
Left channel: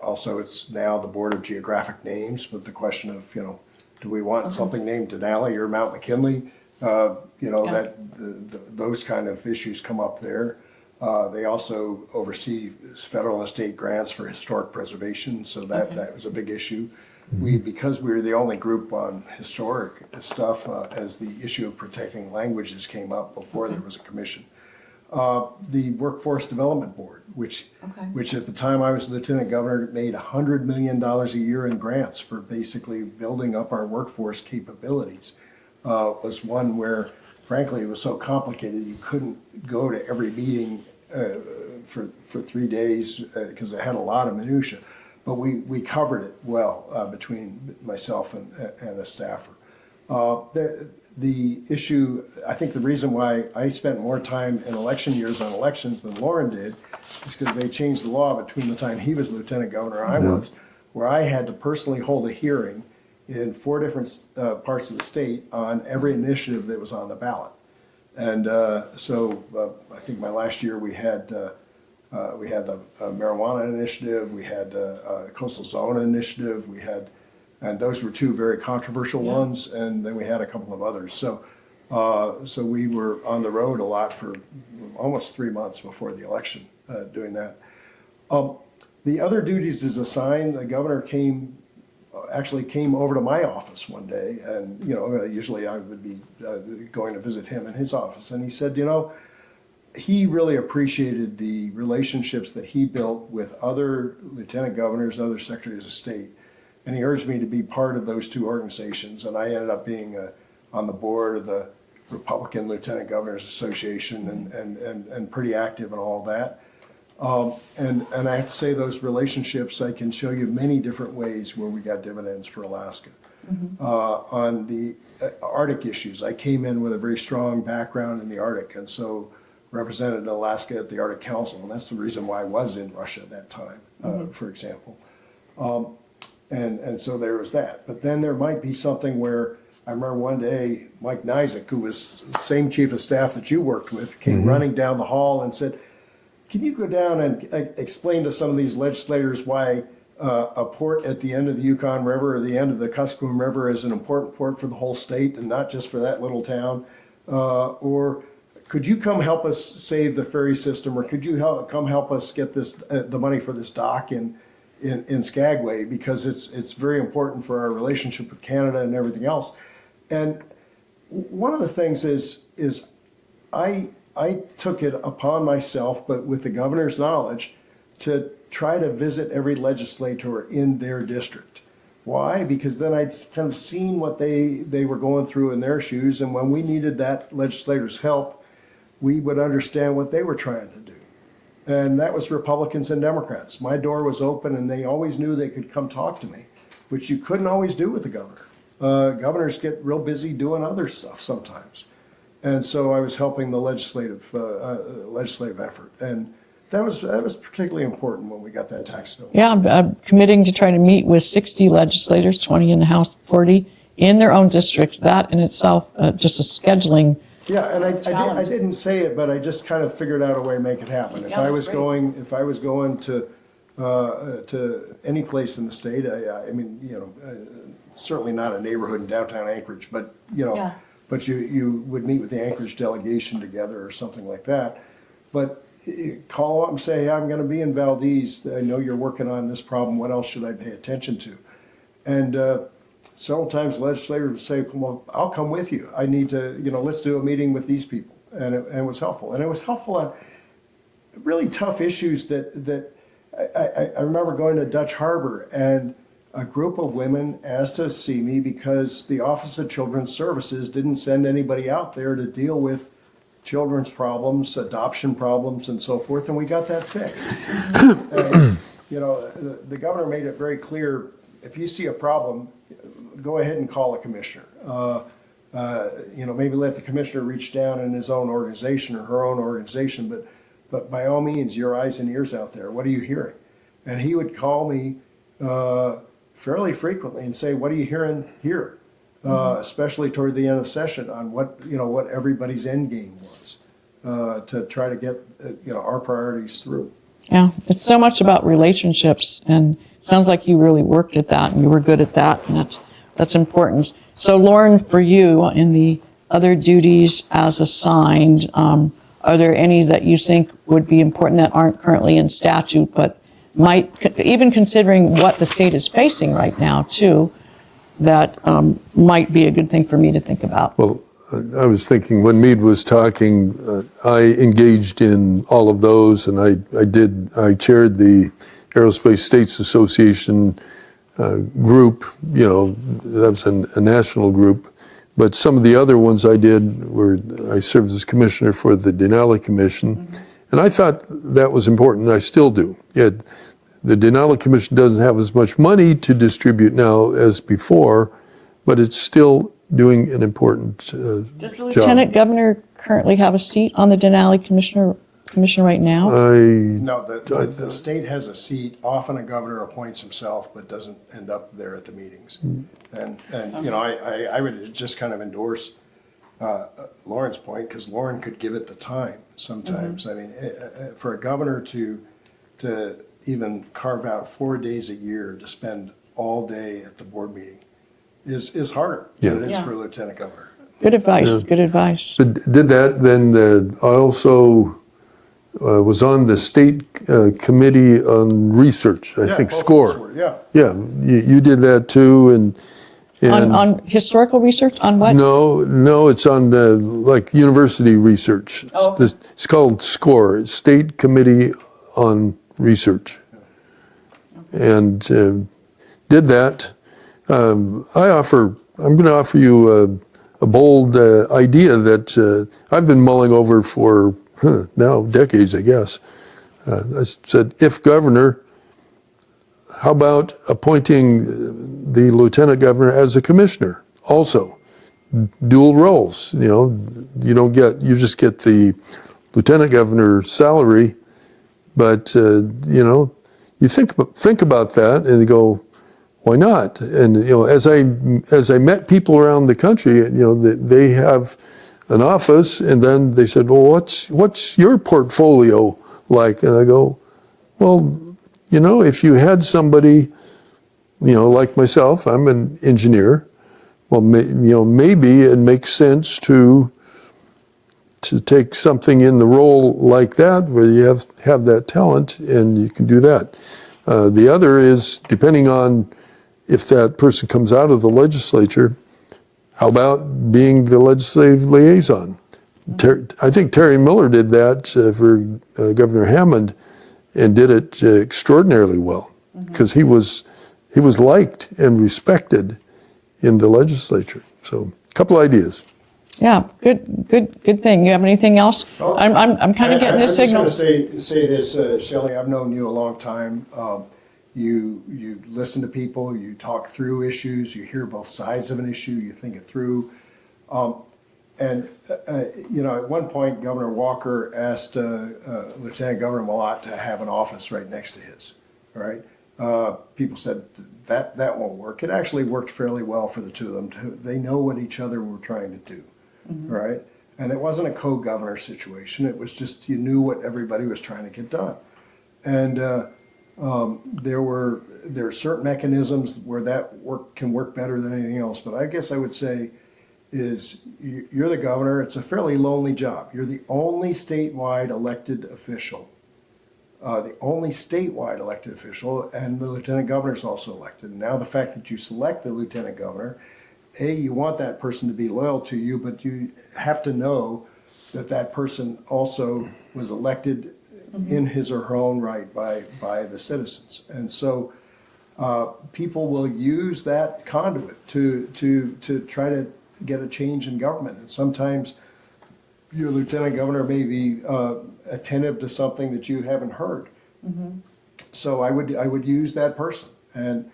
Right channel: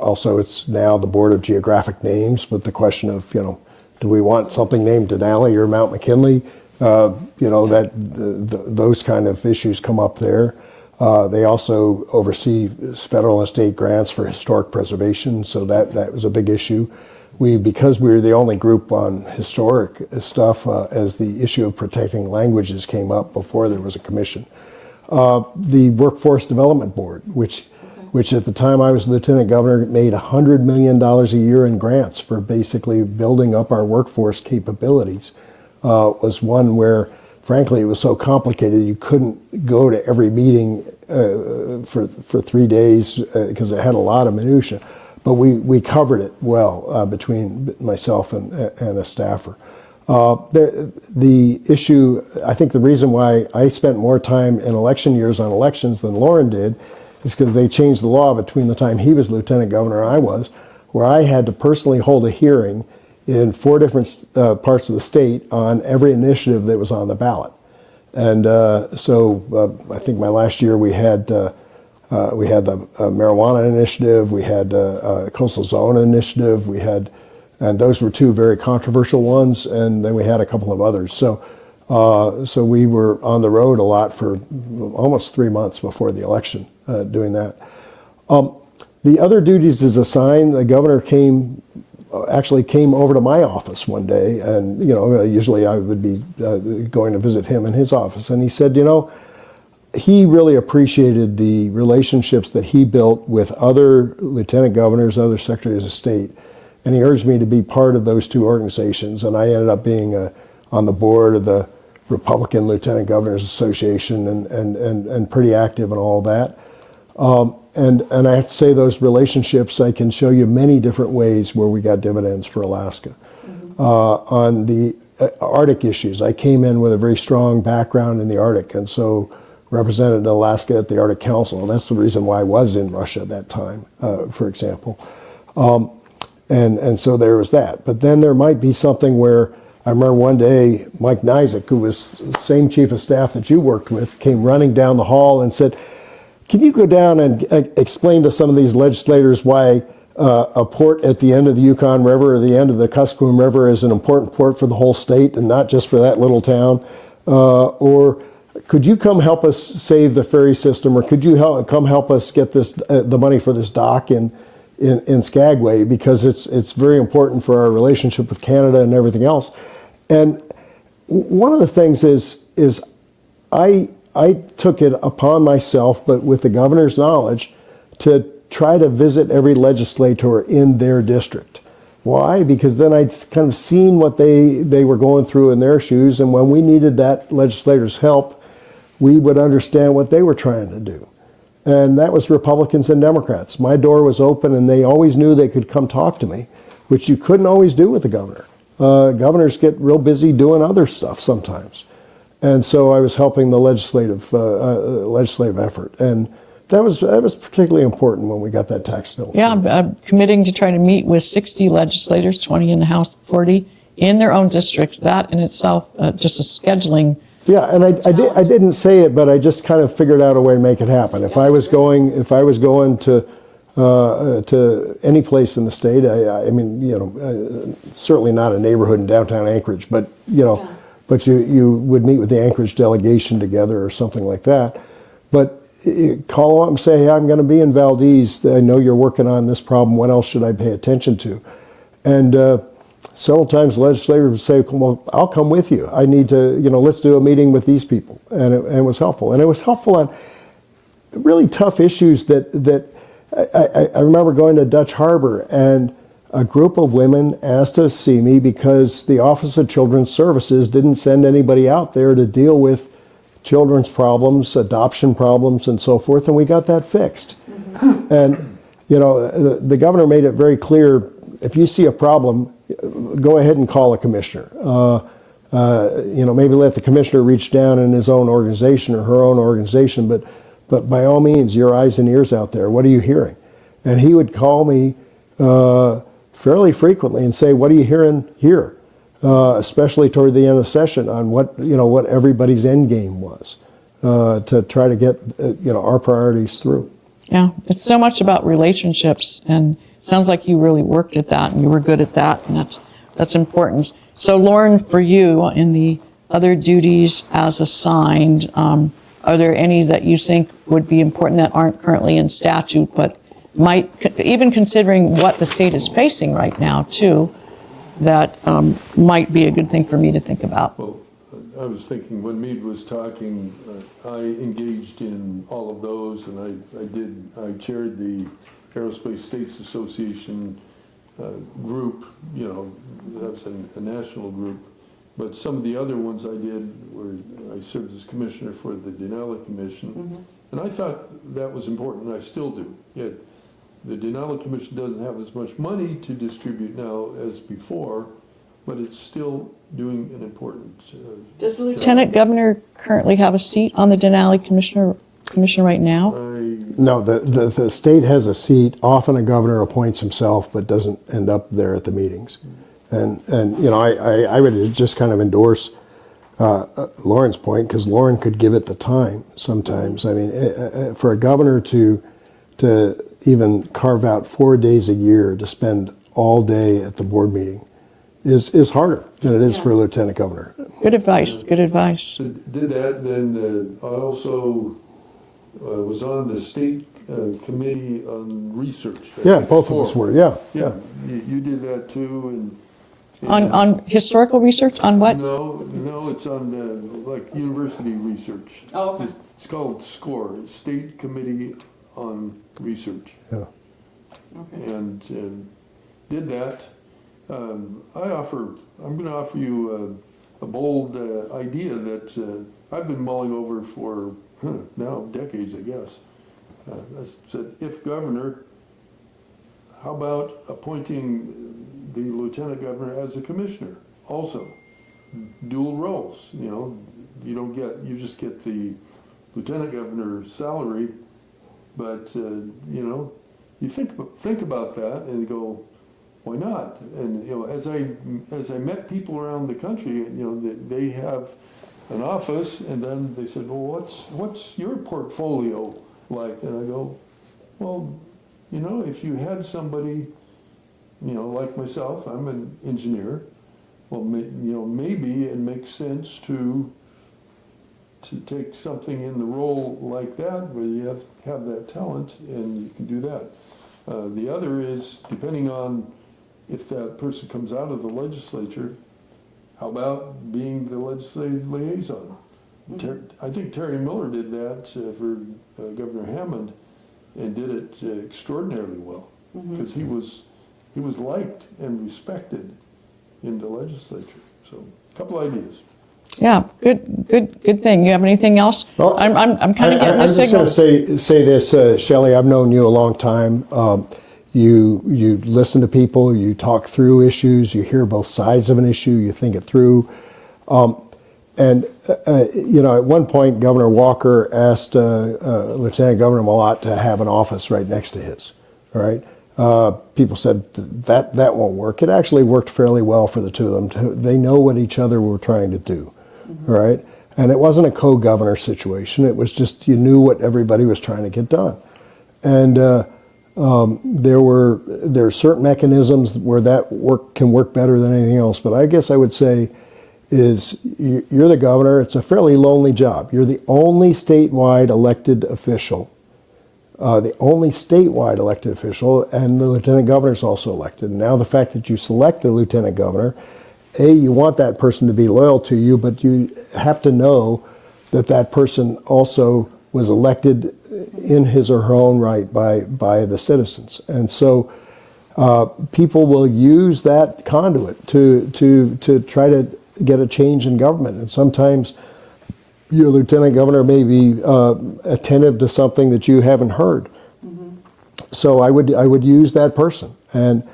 also, it's now the Board of Geographic Names, but the question of, do we want something named Denali or Mount McKinley? Those kind of issues come up there. They also oversee federal and state grants for historic preservation, so that was a big issue. Because we were the only group on historic stuff, as the issue of protecting languages came up before there was a commission. The Workforce Development Board, which at the time I was lieutenant governor, made $100 million a year in grants for basically building up our workforce capabilities, was one where, frankly, it was so complicated you couldn't go to every meeting for 3 days because it had a lot of minutia. But we covered it well between myself and a staffer. The issue, I think the reason why I spent more time in election years on elections than Loren did is because they changed the law between the time he was lieutenant governor and I was, where I had to personally hold a hearing in 4 different parts of the state on every initiative that was on the ballot. And so I think my last year we had the marijuana initiative, we had a coastal zone initiative, and those were 2 very controversial ones, and then we had a couple of others. So we were on the road a lot for almost 3 months before the election doing that. The other duties is assigned. The governor actually came over to my office one day, and usually I would be going to visit him in his office, and he said, he really appreciated the relationships that he built with other lieutenant governors, other secretaries of state, and he urged me to be part of those 2 organizations, and I ended up being on the board of the Republican Lieutenant Governors Association and pretty active in all that. And I have to say those relationships, I can show you many different ways where we got dividends for Alaska. On the Arctic issues, I came in with a very strong background in the Arctic, and so represented Alaska at the Arctic Council. And that's the reason why I was in Russia at that time, for example. And so there was that. But then there might be something where I remember one day Mike Nizick, who was the same chief of staff that you worked with, came running down the hall and said, "Can you go down and explain to some of these legislators why a port at the end of the Yukon River or the end of the Kuskokwim River is an important port for the whole state and not just for that little town? Or could you come help us save the ferry system, or could you come help us get this the money for this dock in Skagway, because it's very important for our relationship with Canada and everything else." And one of the things is I took it upon myself, but with the governor's knowledge, to try to visit every legislator in their district. Why? Because then I'd kind of seen what they were going through in their shoes, and when we needed that legislator's help, we would understand what they were trying to do. And that was Republicans and Democrats. My door was open, and they always knew they could come talk to me, which you couldn't always do with the governor. Governors get real busy doing other stuff sometimes. And so I was helping the legislative effort. And that was particularly important when we got that tax bill. Yeah, I'm committing to try to meet with 60 legislators, 20 in the House, 40 in their own districts. That in itself, just a scheduling. Yeah, and I didn't say it, but I just kind of figured out a way to make it happen. If I was going to any place in the state, I mean, certainly not a neighborhood in downtown Anchorage, but but you would meet with the Anchorage delegation together or something like that. But call up and say, "Hey, I'm going to be in Valdez. I know you're working on this problem. What else should I pay attention to?" And several times legislators would say, "Well, I'll come with you. I need to, let's do a meeting with these people." And it was helpful. And it was helpful on really tough issues that I remember going to Dutch Harbor, and a group of women asked to see me because the Office of Children's Services didn't send anybody out there to deal with children's problems, adoption problems, and so forth, and we got that fixed. And, the governor made it very clear, if you see a problem, go ahead and call a commissioner. Maybe let the commissioner reach down in his own organization or her own organization, but by all means, your eyes and ears out there. What are you hearing? And he would call me fairly frequently and say, "What are you hearing here?" Especially toward the end of session, on what everybody's end game was, to try to get our priorities through. Yeah, it's so much about relationships, and it sounds like you really worked at that, and you were good at that, and that's important. So, Loren, for you, in the other duties as assigned, are there any that you think would be important that aren't currently in statute, but might, even considering what the state is facing right now, too, that might be a good thing for me to think about? Well, I was thinking when Mead was talking, I engaged in all of those, and I chaired the Aerospace States Association group. That was a national group. But some of the other ones I did were, I served as commissioner for the Denali Commission, and I thought that was important, and I still do. The Denali Commission doesn't have as much money to distribute now as before, but it's still doing an important Does the Lieutenant Governor currently have a seat on the Denali Commission right now? No, the state has a seat. Often a governor appoints himself, but doesn't end up there at the meetings. And I would just kind of endorse Loren's point, because Loren could give it the time sometimes. I mean, for a governor to even carve out 4 days a year to spend all day at the board meeting is harder than it is for a lieutenant governor. Good advice, good advice. Did that, then I also was on the state committee on research, I think, both SCORE. of us were, yeah. Yeah, you did that too, and On historical research, on what? No, it's on like university research. Oh, okay. It's called SCORE, State Committee on Research. Yeah. And did that. I'm going to offer you a bold idea that I've been mulling over for now decades, I guess. I said, if governor, how about appointing the lieutenant governor as a commissioner also? Dual roles, you just get the lieutenant governor salary, but you think about that and you go, why not? And as I met people around the country, they have an office, and then they said, well, what's your portfolio like? And I go, well, if you had somebody, like myself, I'm an engineer. Well, maybe it makes sense to take something in the role like that, where you have that talent, and you can do that. The other is, depending on if that person comes out of the legislature, how about being the legislative liaison? I think Terry Miller did that for Governor Hammond, and did it extraordinarily well, because he was liked and respected in the legislature. So, a couple ideas. Yeah, good thing. You have anything else? Well, I'm kind of getting the signal. I was just going to say this, Shelley. I've known you a long time. You listen to people, you talk through issues, you hear both sides of an issue, you think it through. At one point, Governor Walker asked Lieutenant Governor Malott to have an office right next to his. All right. People said that won't work. It actually worked fairly well for the two of them. They know what each other were trying to do. All right. And it wasn't a co-governor situation. It was just, you knew what everybody was trying to get done. And there are certain mechanisms where that can work better than anything else. But I guess I would say is you're the governor. It's a fairly lonely job. You're the only statewide elected official. And the lieutenant governor is also elected. Now the fact that you select the lieutenant governor, you want that person to be loyal to you, but you have to know that person also was elected in his or her own right by the citizens. And so people will use that conduit to try to get a change in government. And sometimes your lieutenant governor may be attentive to something that you haven't heard. So I would use that person. And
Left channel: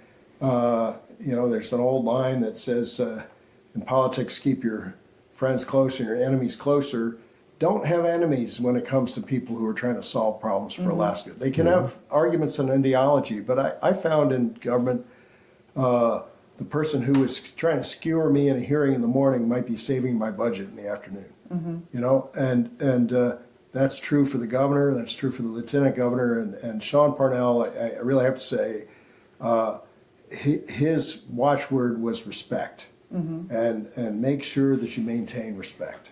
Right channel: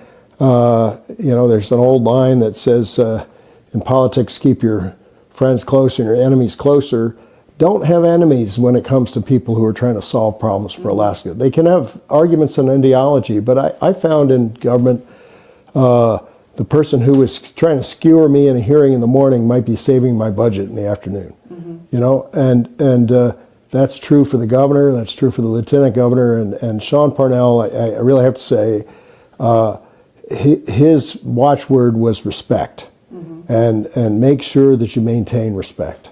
there's an old line that says, in politics, keep your friends close and your enemies closer. Don't have enemies when it comes to people who are trying to solve problems for Alaska. They can have arguments on ideology, but I found in government, the person who was trying to skewer me in a hearing in the morning might be saving my budget in the afternoon. And that's true for the governor, that's true for the lieutenant governor, and Sean Parnell, I really have to say, his watchword was respect, and make sure that you maintain respect.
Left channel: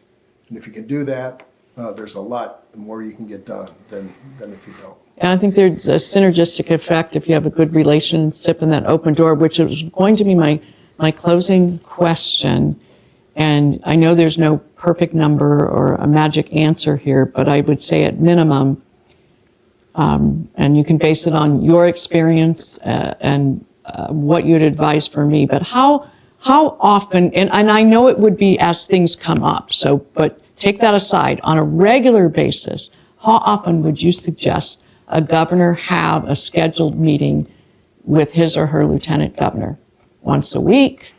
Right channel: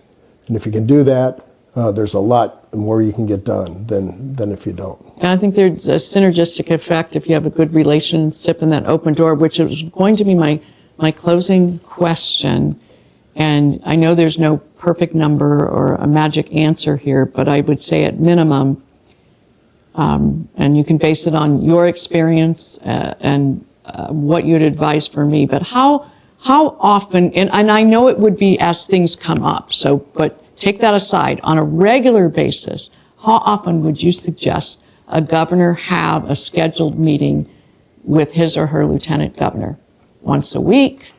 And if you can do that, there's a lot more you can get done than if you don't. And I think there's a synergistic effect if you have a good relationship and that open door, which is going to be my closing question. And I know there's no perfect number or a magic answer here, but I would say at minimum, and you can base it on your experience and what you'd advise for me, but how often, and I know it would be as things come up, but take that aside, on a regular basis, how often would you suggest a governor have a scheduled meeting with his or her lieutenant governor? Once a week?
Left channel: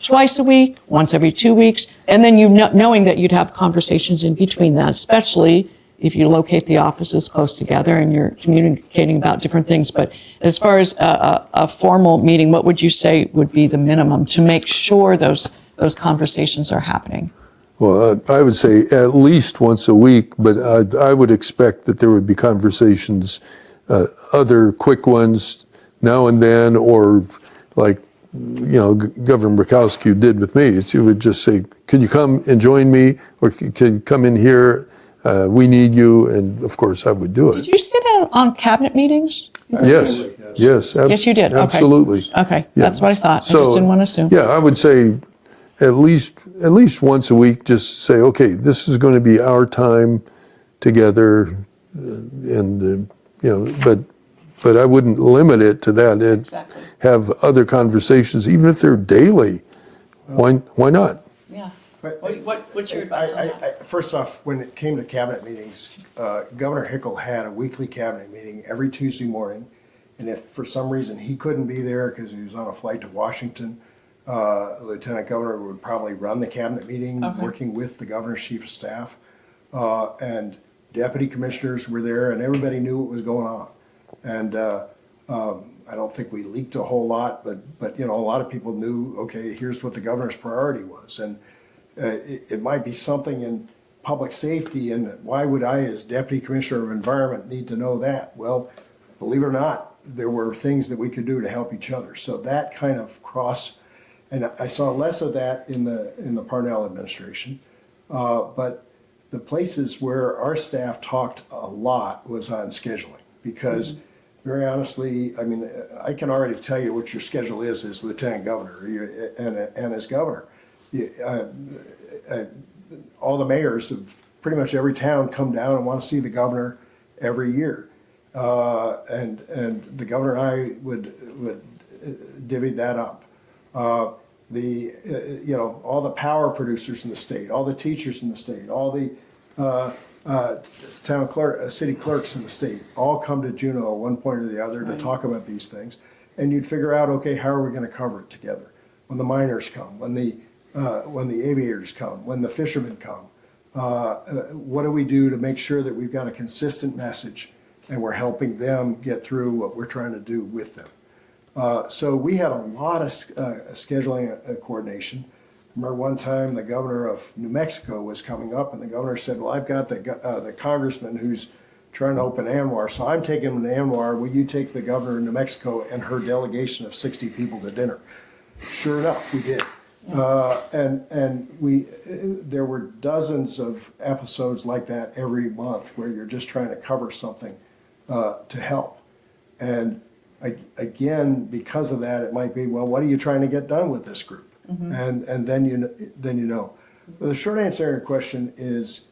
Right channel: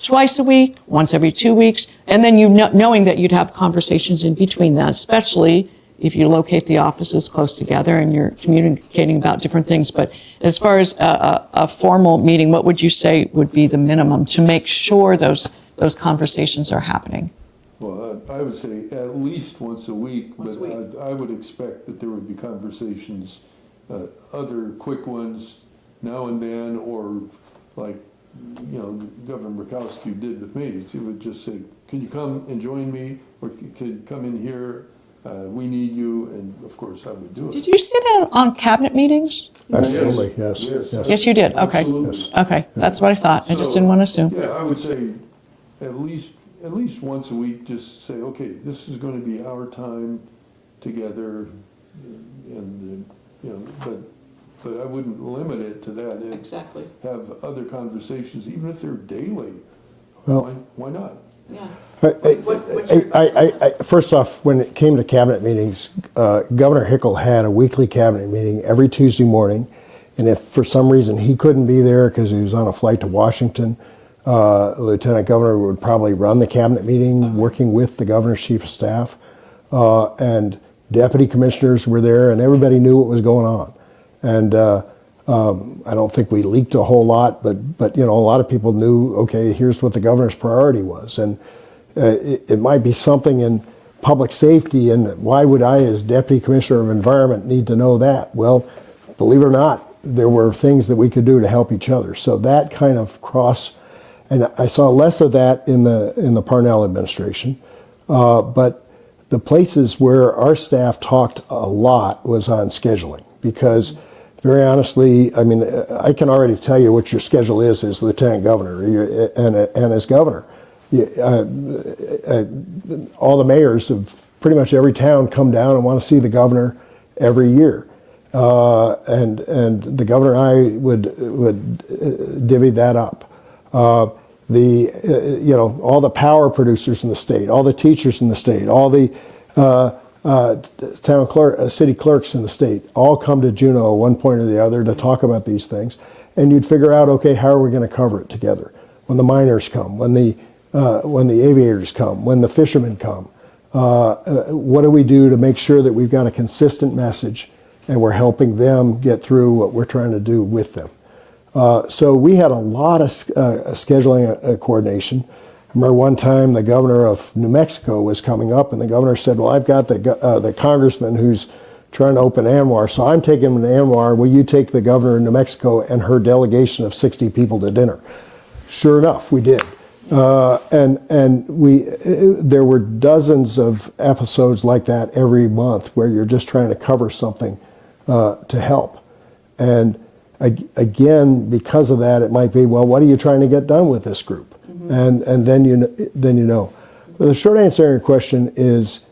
Twice a week, once every 2 weeks, and then knowing that you'd have conversations in between that, especially if you locate the offices close together and you're communicating about different things. But as far as a formal meeting, what would you say would be the minimum to make sure those conversations are happening? Well, I would say at least once a week, but I would expect that there would be conversations, other quick ones now and then, or like, Governor Murkowski did with me. He would just say, "Can you come and join me?" Or "Can you come in here? We need you." And of course, I would do it. Did you sit in on cabinet meetings? Yes. Yes, you did. Okay. Absolutely. Okay, that's what I thought. I just didn't want to assume. Yeah, I would say at least once a week. Just say, okay, this is going to be our time together, and But I wouldn't limit it to that. Have other conversations, even if they're daily. Why not? Yeah. What's your advice on that? First off, when it came to cabinet meetings, Governor Hickel had a weekly cabinet meeting every Tuesday morning. And if for some reason he couldn't be there because he was on a flight to Washington, Lieutenant Governor would probably run the cabinet meeting, working with the governor's chief of staff. And deputy commissioners were there, and everybody knew what was going on. And I don't think we leaked a whole lot, but you know, a lot of people knew, okay, here's what the governor's priority was. And it might be something in public safety, and why would I, as Deputy Commissioner of Environment, need to know that? Well, believe it or not, there were things that we could do to help each other. So that kind of and I saw less of that in the Parnell administration, but the places where our staff talked a lot was on scheduling, because very honestly, I mean, I can already tell you what your schedule is as Lieutenant Governor and as Governor. All the mayors of pretty much every town come down and want to see the governor every year, and the governor and I would divvy that up. You know, all the power producers in the state, all the teachers in the state, all the city clerks in the state, all come to Juneau at one point or the other to talk about these things, and you'd figure out, okay, how are we going to cover it together? When the miners come, when the aviators come, when the fishermen come, what do we do to make sure that we've got a consistent message and we're helping them get through what we're trying to do with them? So we had a lot of scheduling coordination. I remember one time the governor of New Mexico was coming up, and the governor said, well, I've got the congressman who's trying to open ANWR, so I'm taking him to ANWR. Will you take the governor of New Mexico and her delegation of 60 people to dinner? Sure enough, we did. There were dozens of episodes like that every month where you're just trying to cover something to help. And again, because of that, it might be, well, what are you trying to get done with this group? And then you know. But the short answer to your question is,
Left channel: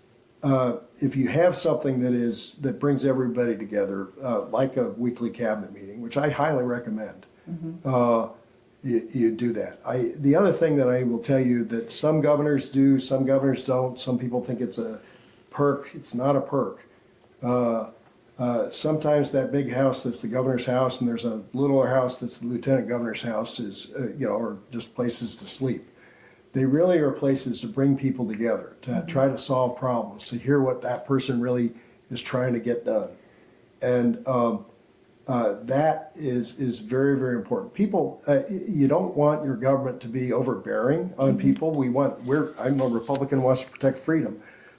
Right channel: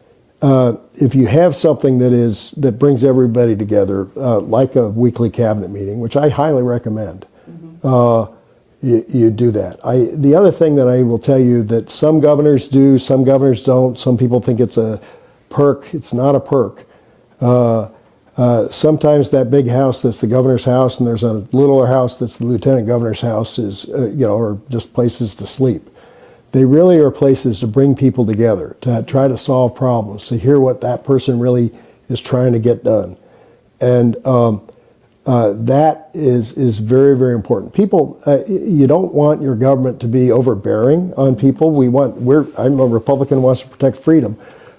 if you have something that brings everybody together, like a weekly cabinet meeting, which I highly recommend, you do that. The other thing that I will tell you that some governors do, some governors don't. Some people think it's a perk. It's not a perk. Sometimes that big house that's the governor's house, and there's a littler house that's the lieutenant governor's house, is or just places to sleep. They really are places to bring people together, to try to solve problems, to hear what that person really is trying to get done, and that is very, very important. People, you don't want your government to be overbearing on people. I'm a Republican who wants to protect freedom,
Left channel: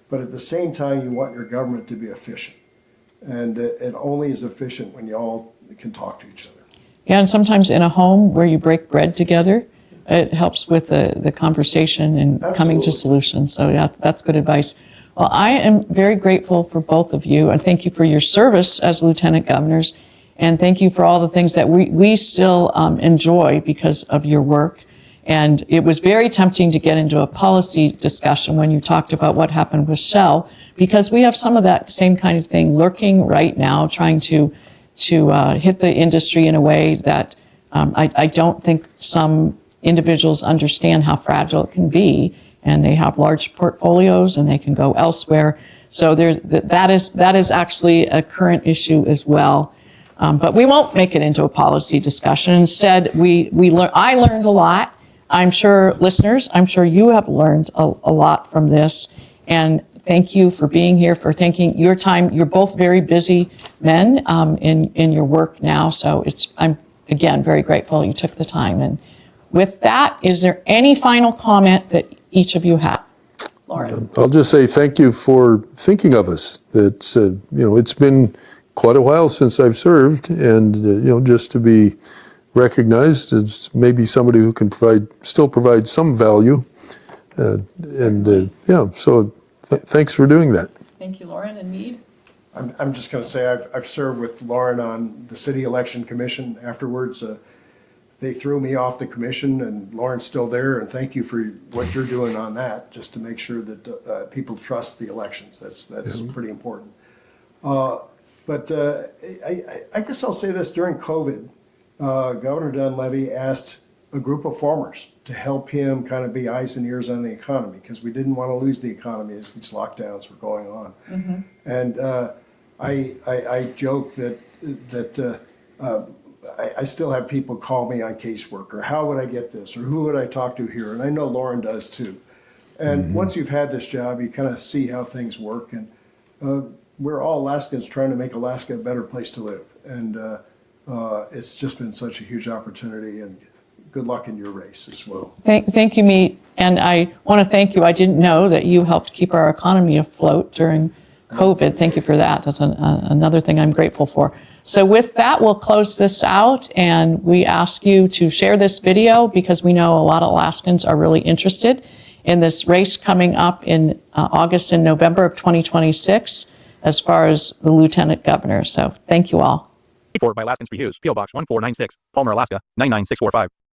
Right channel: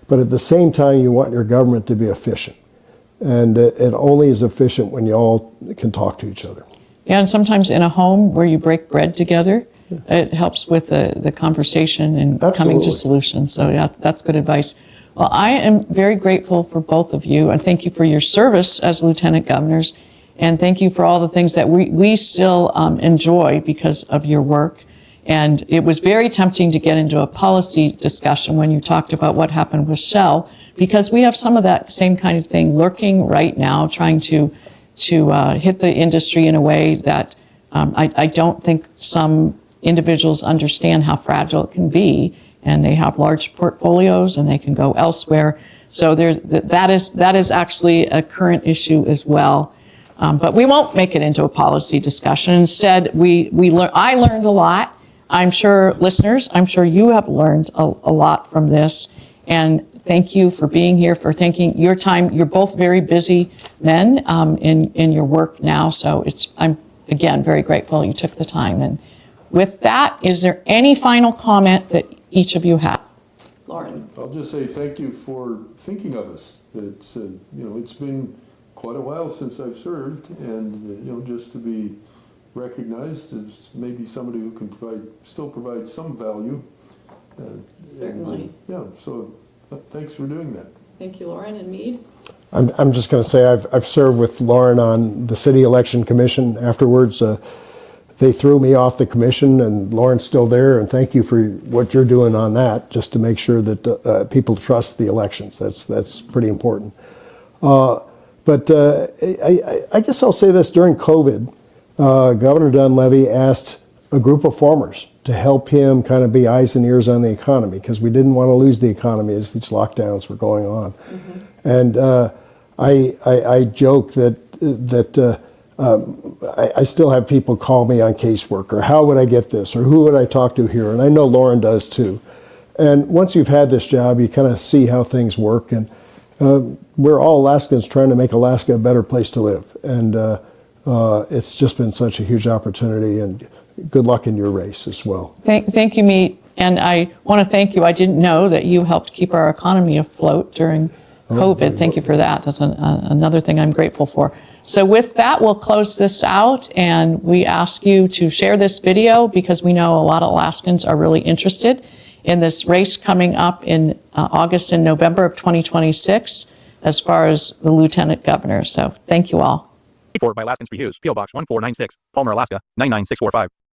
but at the same time, you want your government to be efficient. And it only is efficient when you all can talk to each other. Yeah, and sometimes in a home where you break bread together, it helps with the conversation and coming to solutions. So yeah, that's good advice. Well, I am very grateful for both of you, and thank you for your service as lieutenant governors, and thank you for all the things that we still enjoy because of your work. And it was very tempting to get into a policy discussion when you talked about what happened with Shell, because we have some of that same kind of thing lurking right now, trying to hit the industry in a way that I don't think some individuals understand how fragile it can be, and they have large portfolios and they can go elsewhere. So that is actually a current issue as well. But we won't make it into a policy discussion. Instead, I learned a lot. I'm sure listeners, I'm sure you have learned a lot from this. And thank you for being here, for taking your time. You're both very busy men in your work now. So I'm, again, very grateful you took the time. And with that, is there any final comment that each of you have? Loren. I'll just say thank you for thinking of us. It's been quite a while since I've served, and just to be recognized as maybe somebody who can still provide some value, so thanks for doing that. Thank you, Loren and Mead. I'm just going to say I've served with Loren on the City Election Commission. Afterwards, they threw me off the commission, and Loren's still there. And thank you for what you're doing on that, just to make sure that people trust the elections. That's pretty important. But I guess I'll say this: during COVID, Governor Dunleavy asked a group of farmers to help him kind of be eyes and ears on the economy, because we didn't want to lose the economy as these lockdowns were going on. And I joke that I still have people call me on casework, or how would I get this, or who would I talk to here? And I know Loren does too. And once you've had this job, you kind of see how things work. And we're all Alaskans trying to make Alaska a better place to live. And it's just been such a huge opportunity, and good luck in your race as well. Thank you, Mead. And I want to thank you. I didn't know that you helped keep our economy afloat during COVID. Thank you for that. That's another thing I'm grateful for. So with that, we'll close this out, and we ask you to share this video because we know a lot of Alaskans are really interested in this race coming up in August and November of 2026 as far as the lieutenant governor. So thank you all. Paid for by Alaskan Lieutenant Governors, P.O. Box 1496, Palmer, Alaska 99645.